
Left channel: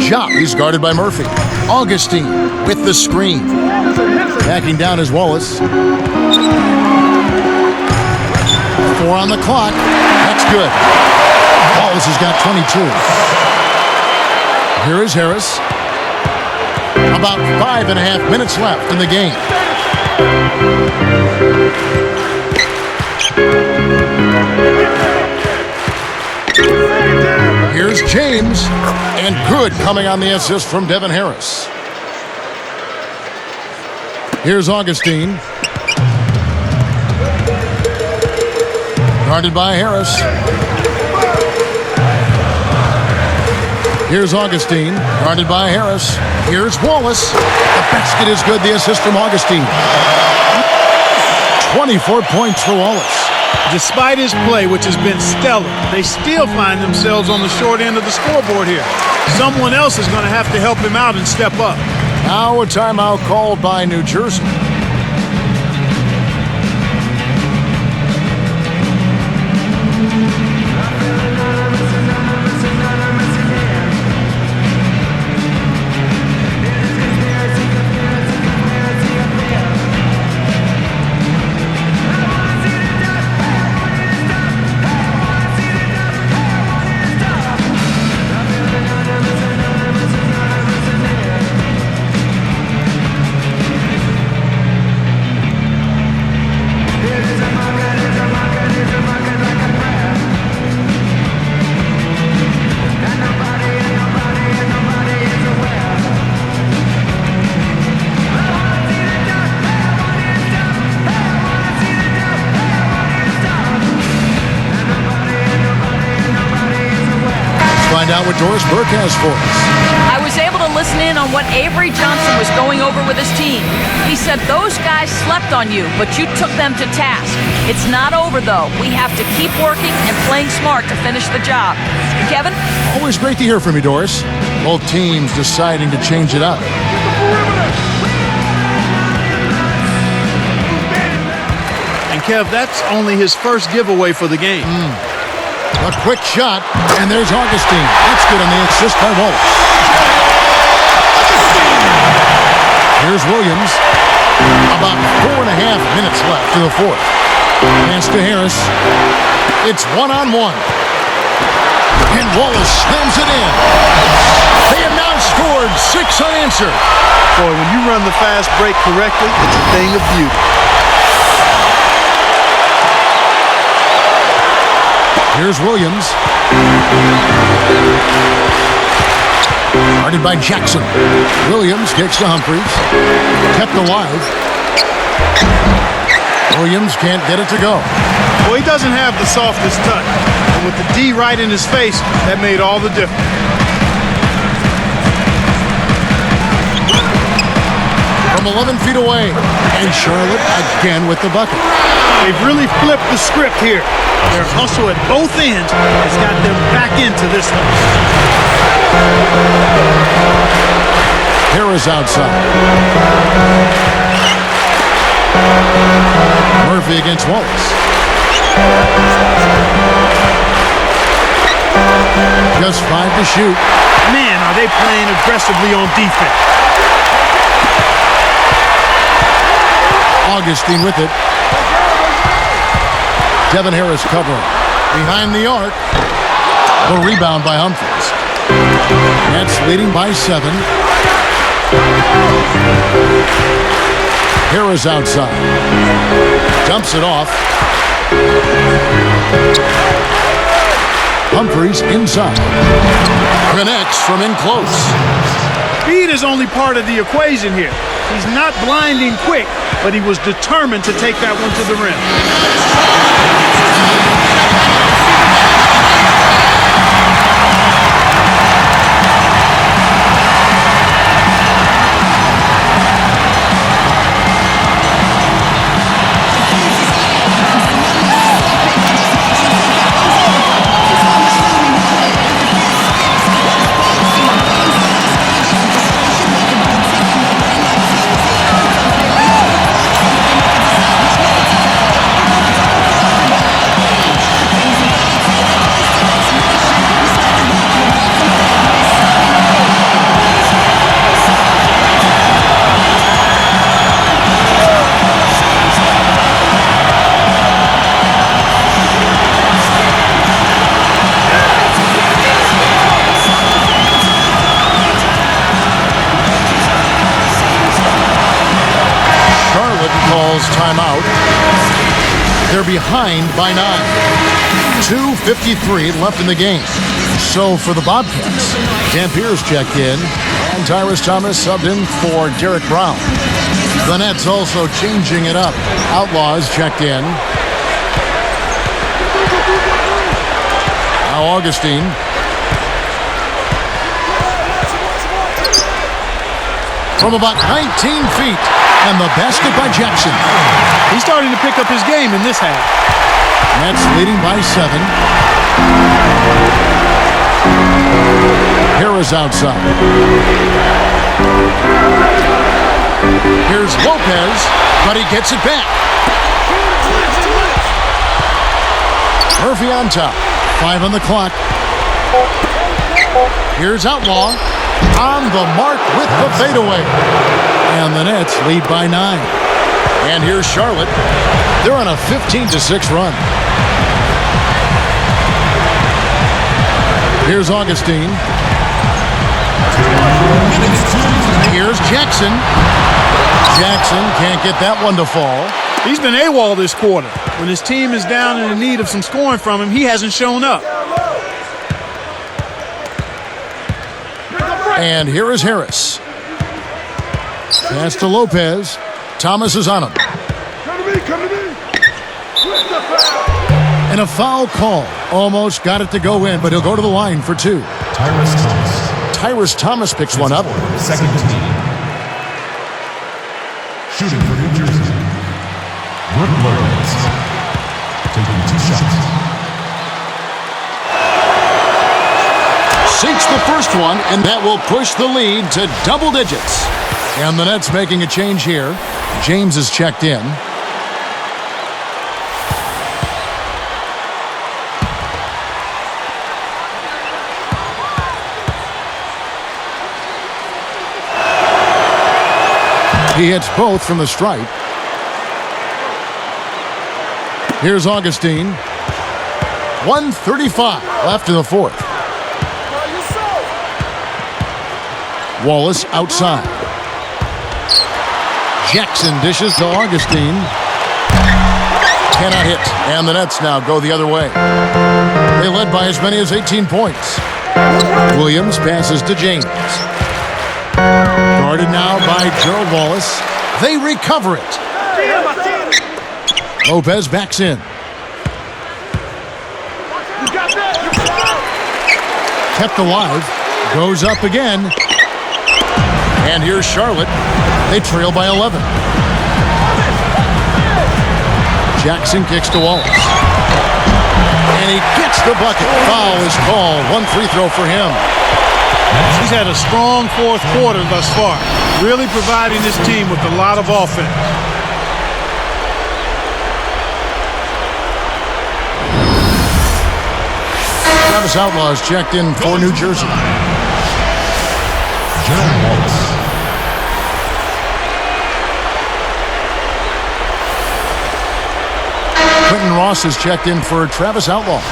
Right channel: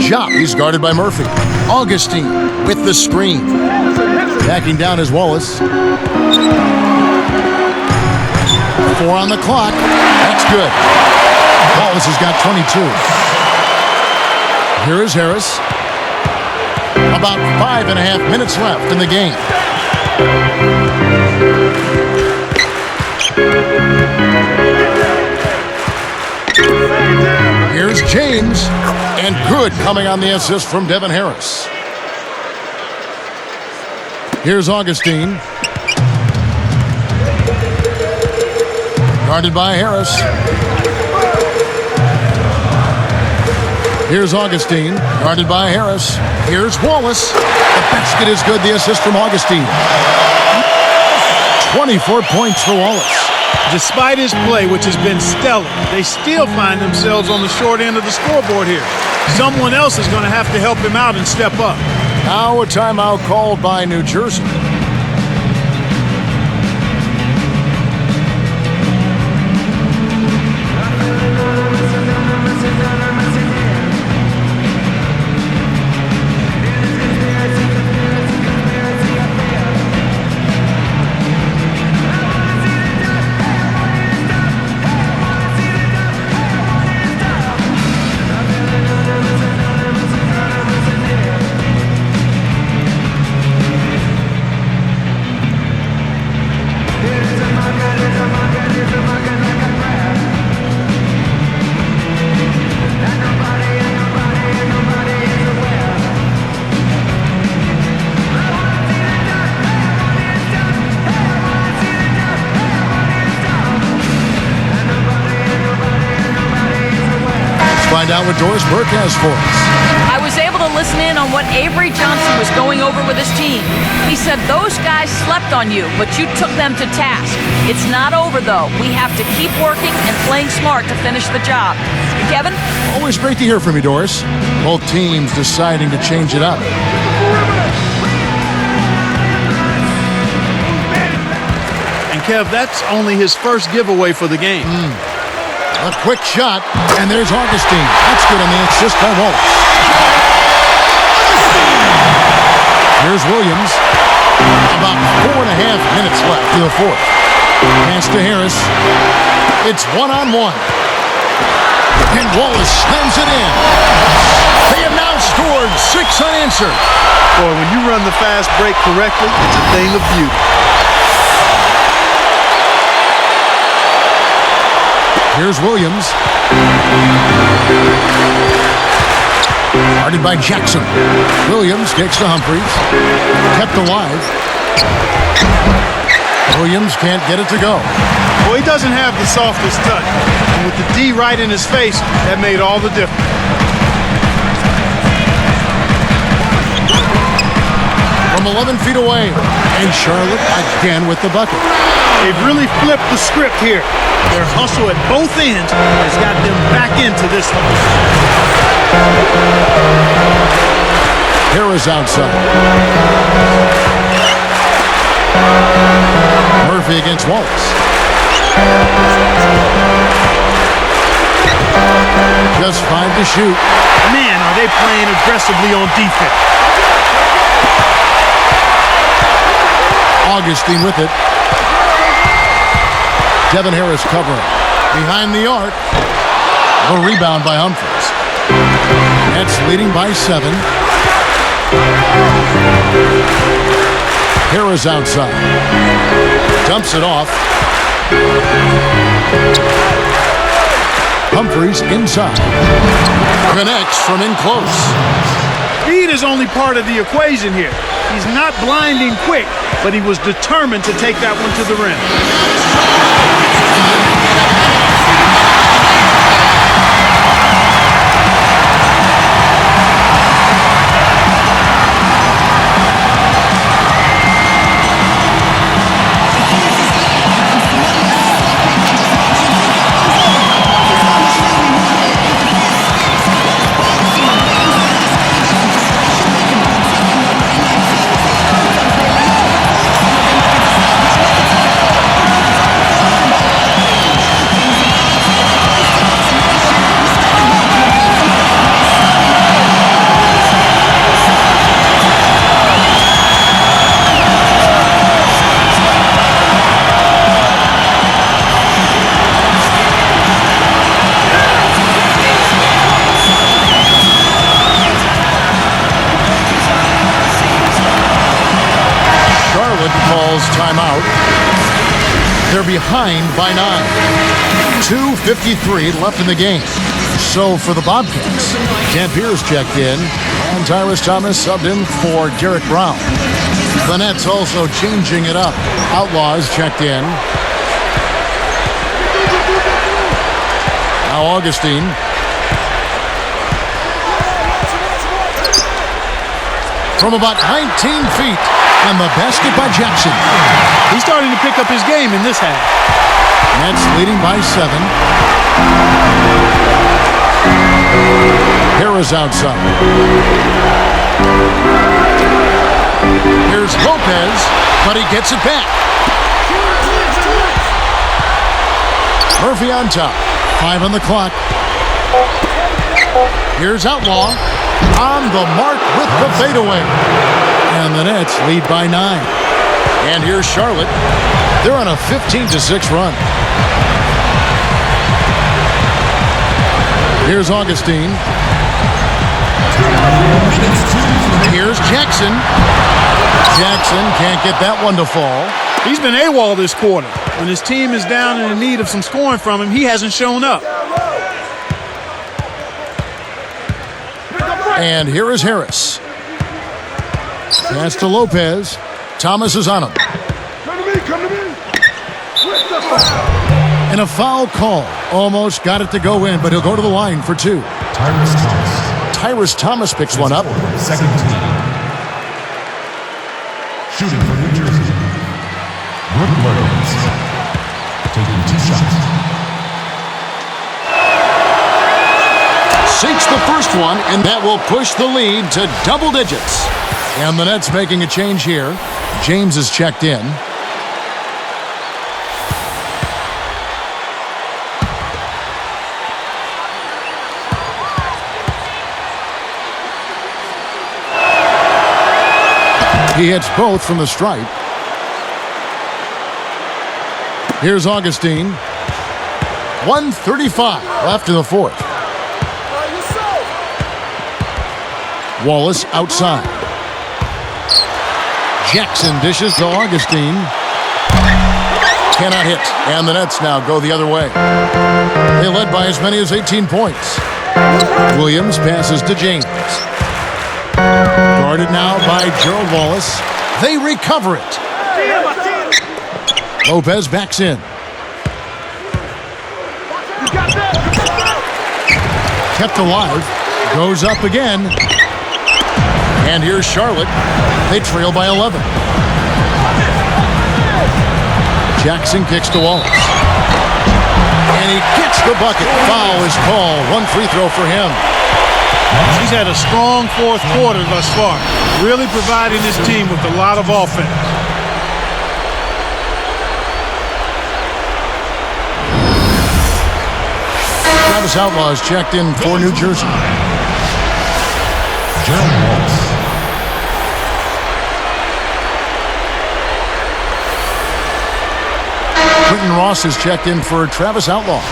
Jop, he's guarded by Murphy. Augustine with the screen. Backing down is Wallace. 4 on the clock. That's good. Wallace has got 22. Here is Harris. About 5.5 minutes left in the game. Here's James, and good coming on the assist from Devin Harris. Here's Augustine. Guarded by Harris. Here's Augustine, guarded by Harris. Here's Wallace. The basket is good, the assist from Augustine. 24 points for Wallace. Despite his play, which has been stellar, they still find themselves on the short end of the scoreboard here. Someone else is going to have to help him out and step up. Now a timeout called by New Jersey. Find out what Doris Burke has for us. I was able to listen in on what Avery Johnson was going over with his team. He said those guys slept on you, but you took them to task. It's not over, though. We have to keep working and playing smart to finish the job. Kevin? Always great to hear from you, Doris. Both teams deciding to change it up. And Kev, that's only his first giveaway for the game. A quick shot, and there's Augustine. That's good on the assist by Wallace. Here's Williams. About 4.5 minutes left in the fourth. Pass to Harris. It's one-on-one. And Wallace slams it in. They have now scored 6 unanswered. Boy, when you run the fast break correctly, it's a thing of beauty. Here's Williams. Guarded by Jackson. Williams kicks to Humphries. Kept alive. Williams can't get it to go. Well, he doesn't have the softest touch. And with the D right in his face, that made all the difference. From 11 feet away. And Charlotte again with the bucket. They've really flipped the script here. Their hustle at both ends has got them back into this one. Harris outside. Murphy against Wallace. Just 5 to shoot. Man, are they playing aggressively on defense. Augustine with it. Devin Harris covering. Behind the arc. The rebound by Humphries. Nets leading by 7. Harris outside. Dumps it off. Humphries inside. Connects from in close. Speed is only part of the equation here. He's not blinding quick, but he was determined to take that one to the rim. Charlotte calls timeout. They're behind by 9. 2:53 left in the game. So for the Bobcats, Dampier's checked in, and Tyrus Thomas subbed in for Derek Brown. The Nets also changing it up. Outlaws checked in. Now Augustine. From about 19 feet, and the basket by Jackson. He's starting to pick up his game in this half. Nets leading by 7. Harris outside. Here's Lopez, but he gets it back. Murphy on top. 5 on the clock. Here's Outlaw. On the mark with the fadeaway. And the Nets lead by 9. And here's Charlotte. They're on a 15-6 run. Here's Augustine. Here's Jackson. Jackson can't get that one to fall. He's been AWOL this quarter. When his team is down and in need of some scoring from him, he hasn't shown up. And here is Harris. Pass to Lopez. Thomas is on him. Come to me. With the foul. And a foul call. Almost got it to go in, but he'll go to the line for 2. Tyrus Thomas picks one up. Second team. Shooting for New Jersey. Rick Lopez. Taking 2 shots. Sinks the first one, and that will push the lead to double digits. And the Nets making a change here. James is checked in. He hits both from the stripe. Here's Augustine. 1:35 left in the fourth. Wallace outside. Jackson dishes to Augustine. Cannot hit. And the Nets now go the other way. They led by as many as 18 points. Williams passes to James. Guarded now by Gerald Wallace. They recover it. Lopez backs in. Kept alive. Goes up again. And here's Charlotte. They trail by 11. Jackson kicks to Wallace. And he gets the bucket. Foul is called. 1 free throw for him. He's had a strong fourth quarter thus far, really providing his team with a lot of offense. Travis Outlaw is checked in for New Jersey. Quentin Ross is checked in for Travis Outlaw.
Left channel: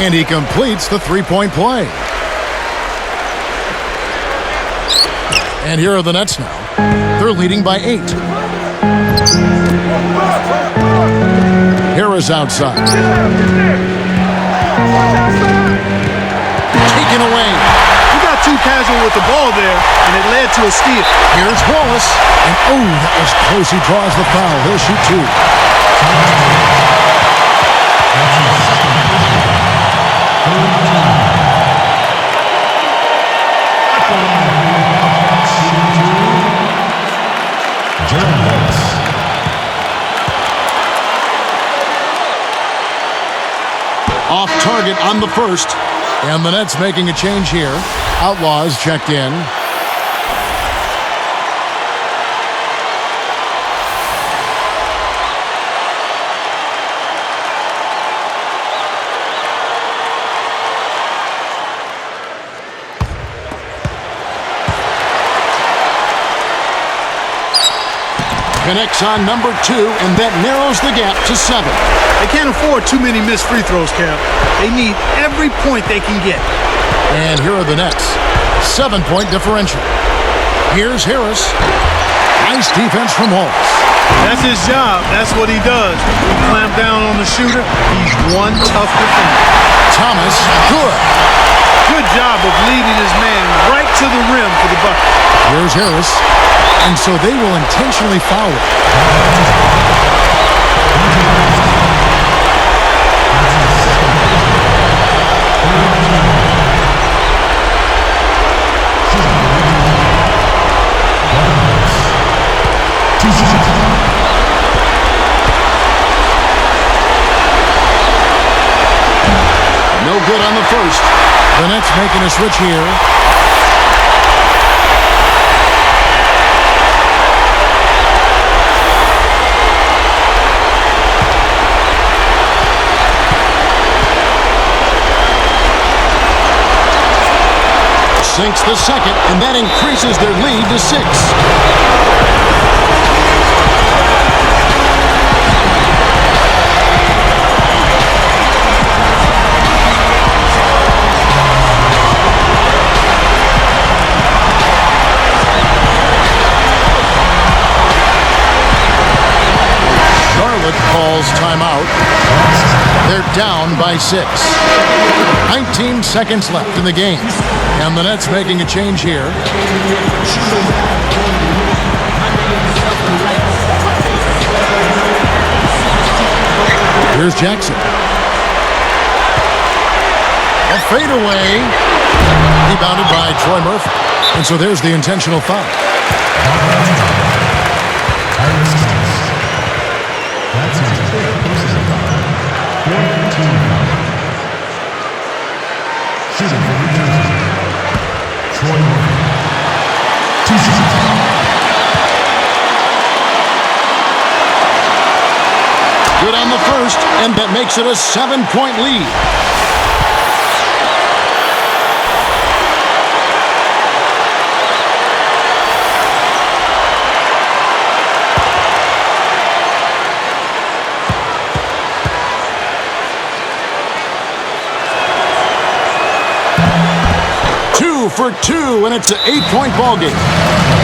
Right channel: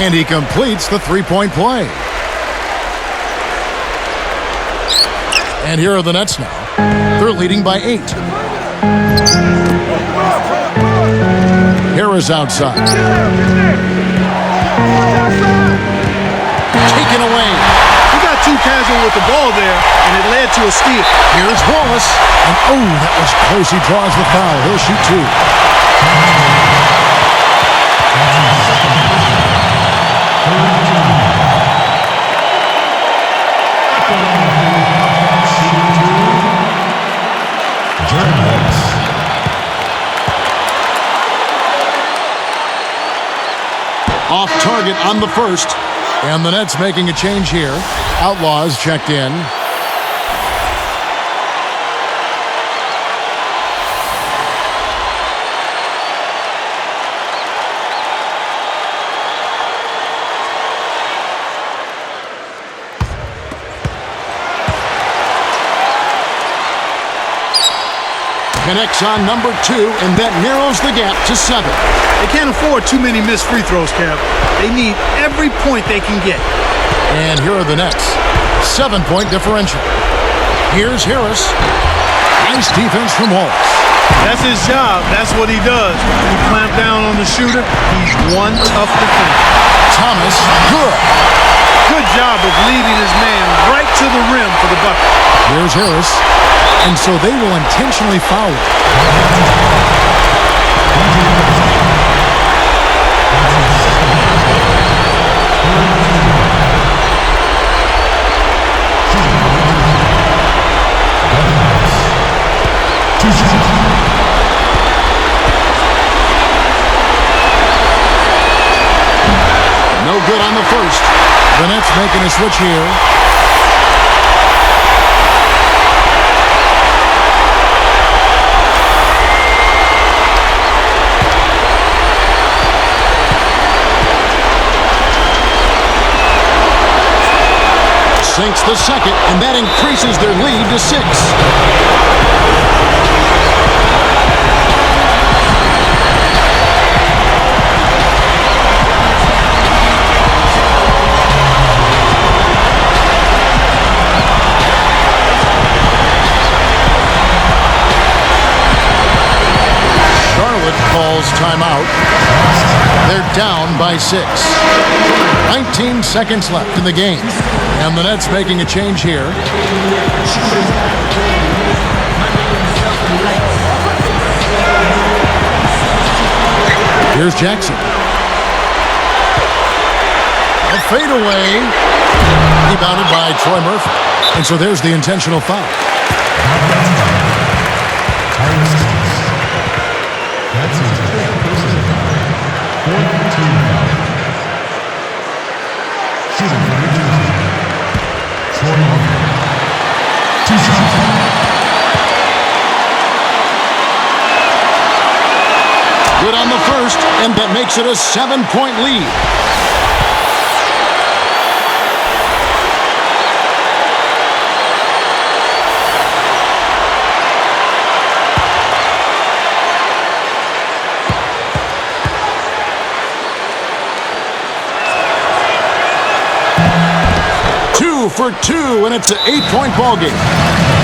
And he completes the three-point play. And here are the Nets now. They're leading by 8. Harris outside. Taken away. He got too casual with the ball there, and it led to a steal. Here's Wallace. And oh, that was close. He draws the foul. He'll shoot 2. Off target on the first. And the Nets making a change here. Outlaws checked in. Connects on number 2, and that narrows the gap to 7. They can't afford too many missed free throws, Kev. They need every point they can get. And here are the Nets. 7-point differential. Here's Harris. Nice defense from Wallace. That's his job. That's what he does. He clamped down on the shooter. He's one tough defender. Thomas, good. Good job of leading his man right to the rim for the bucket. Here's Harris. And so they will intentionally foul it. No good on the first. The Nets making a switch here. Sinks the second, and that increases their lead to 6. Charlotte calls timeout. They're down by 6. 19 seconds left in the game. And the Nets making a change here. Here's Jackson. A fadeaway. Rebounded by Troy Murphy. And so there's the intentional foul. Good on the first, and that makes it a 7-point lead. Two for 2, and it's an 8-point ball game.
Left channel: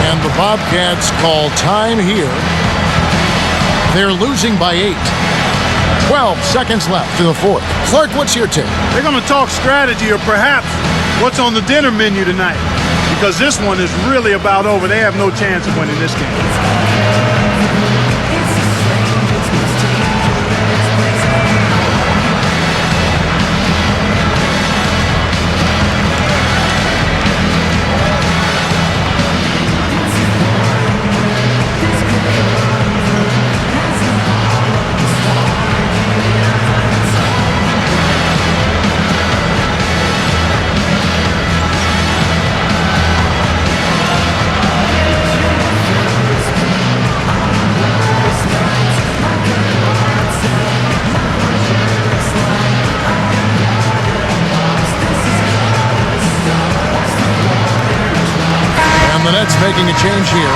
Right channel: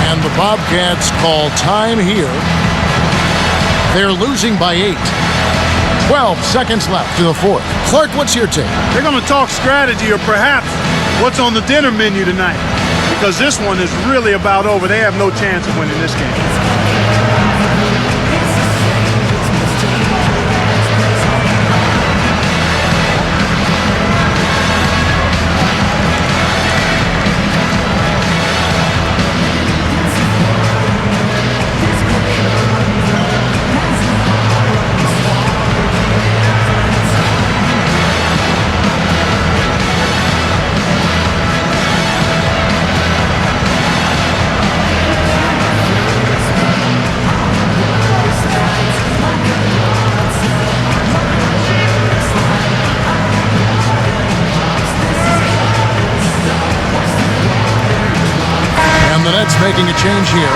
And the Bobcats call time here. They're losing by 8. 12 seconds left in the fourth. Clark, what's your take? They're going to talk strategy or perhaps what's on the dinner menu tonight, because this one is really about over. They have no chance of winning this game. And the Nets making a change here.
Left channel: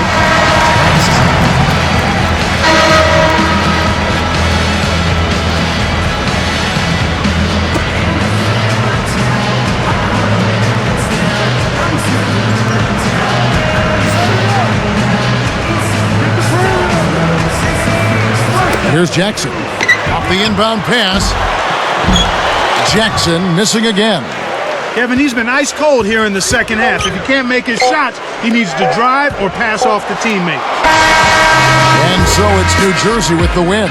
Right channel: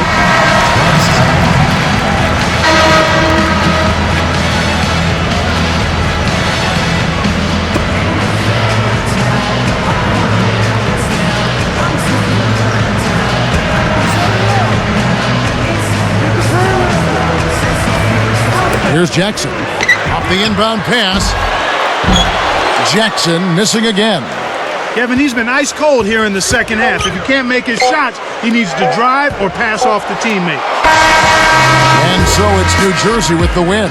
Here's Jackson. Off the inbound pass. Jackson missing again. Kevin, he's been ice cold here in the second half. If he can't make his shots, he needs to drive or pass off to teammates. And so it's New Jersey with the win.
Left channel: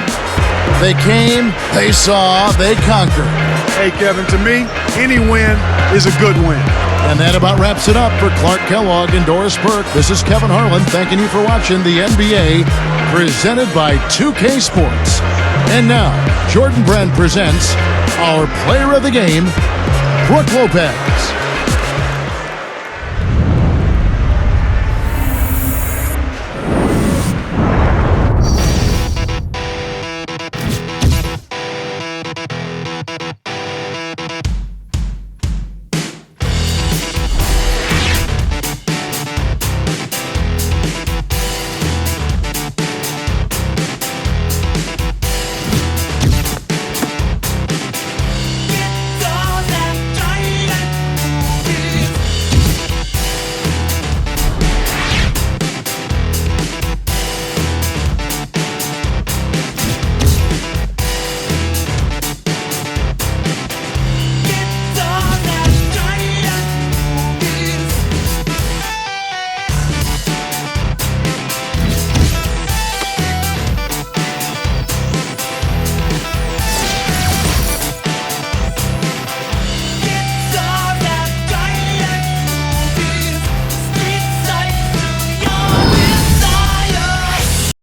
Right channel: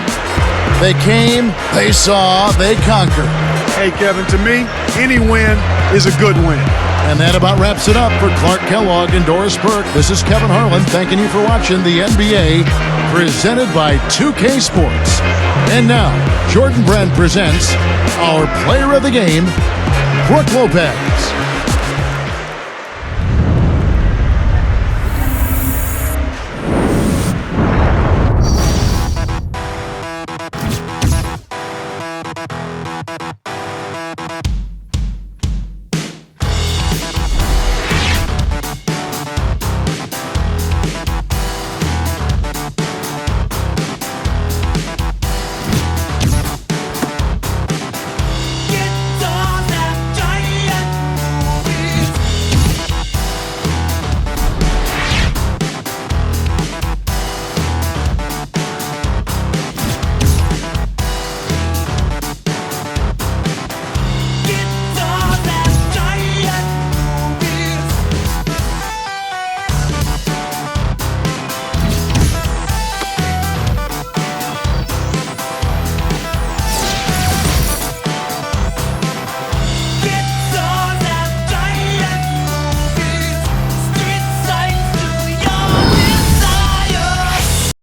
They came, they saw, they conquered. Hey, Kevin, to me, any win is a good win. And that about wraps it up for Clark Kellogg and Doris Burke. This is Kevin Harlan thanking you for watching the NBA, presented by 2K Sports. And now, Jordan Brand presents our player of the game, Brooke Lopez.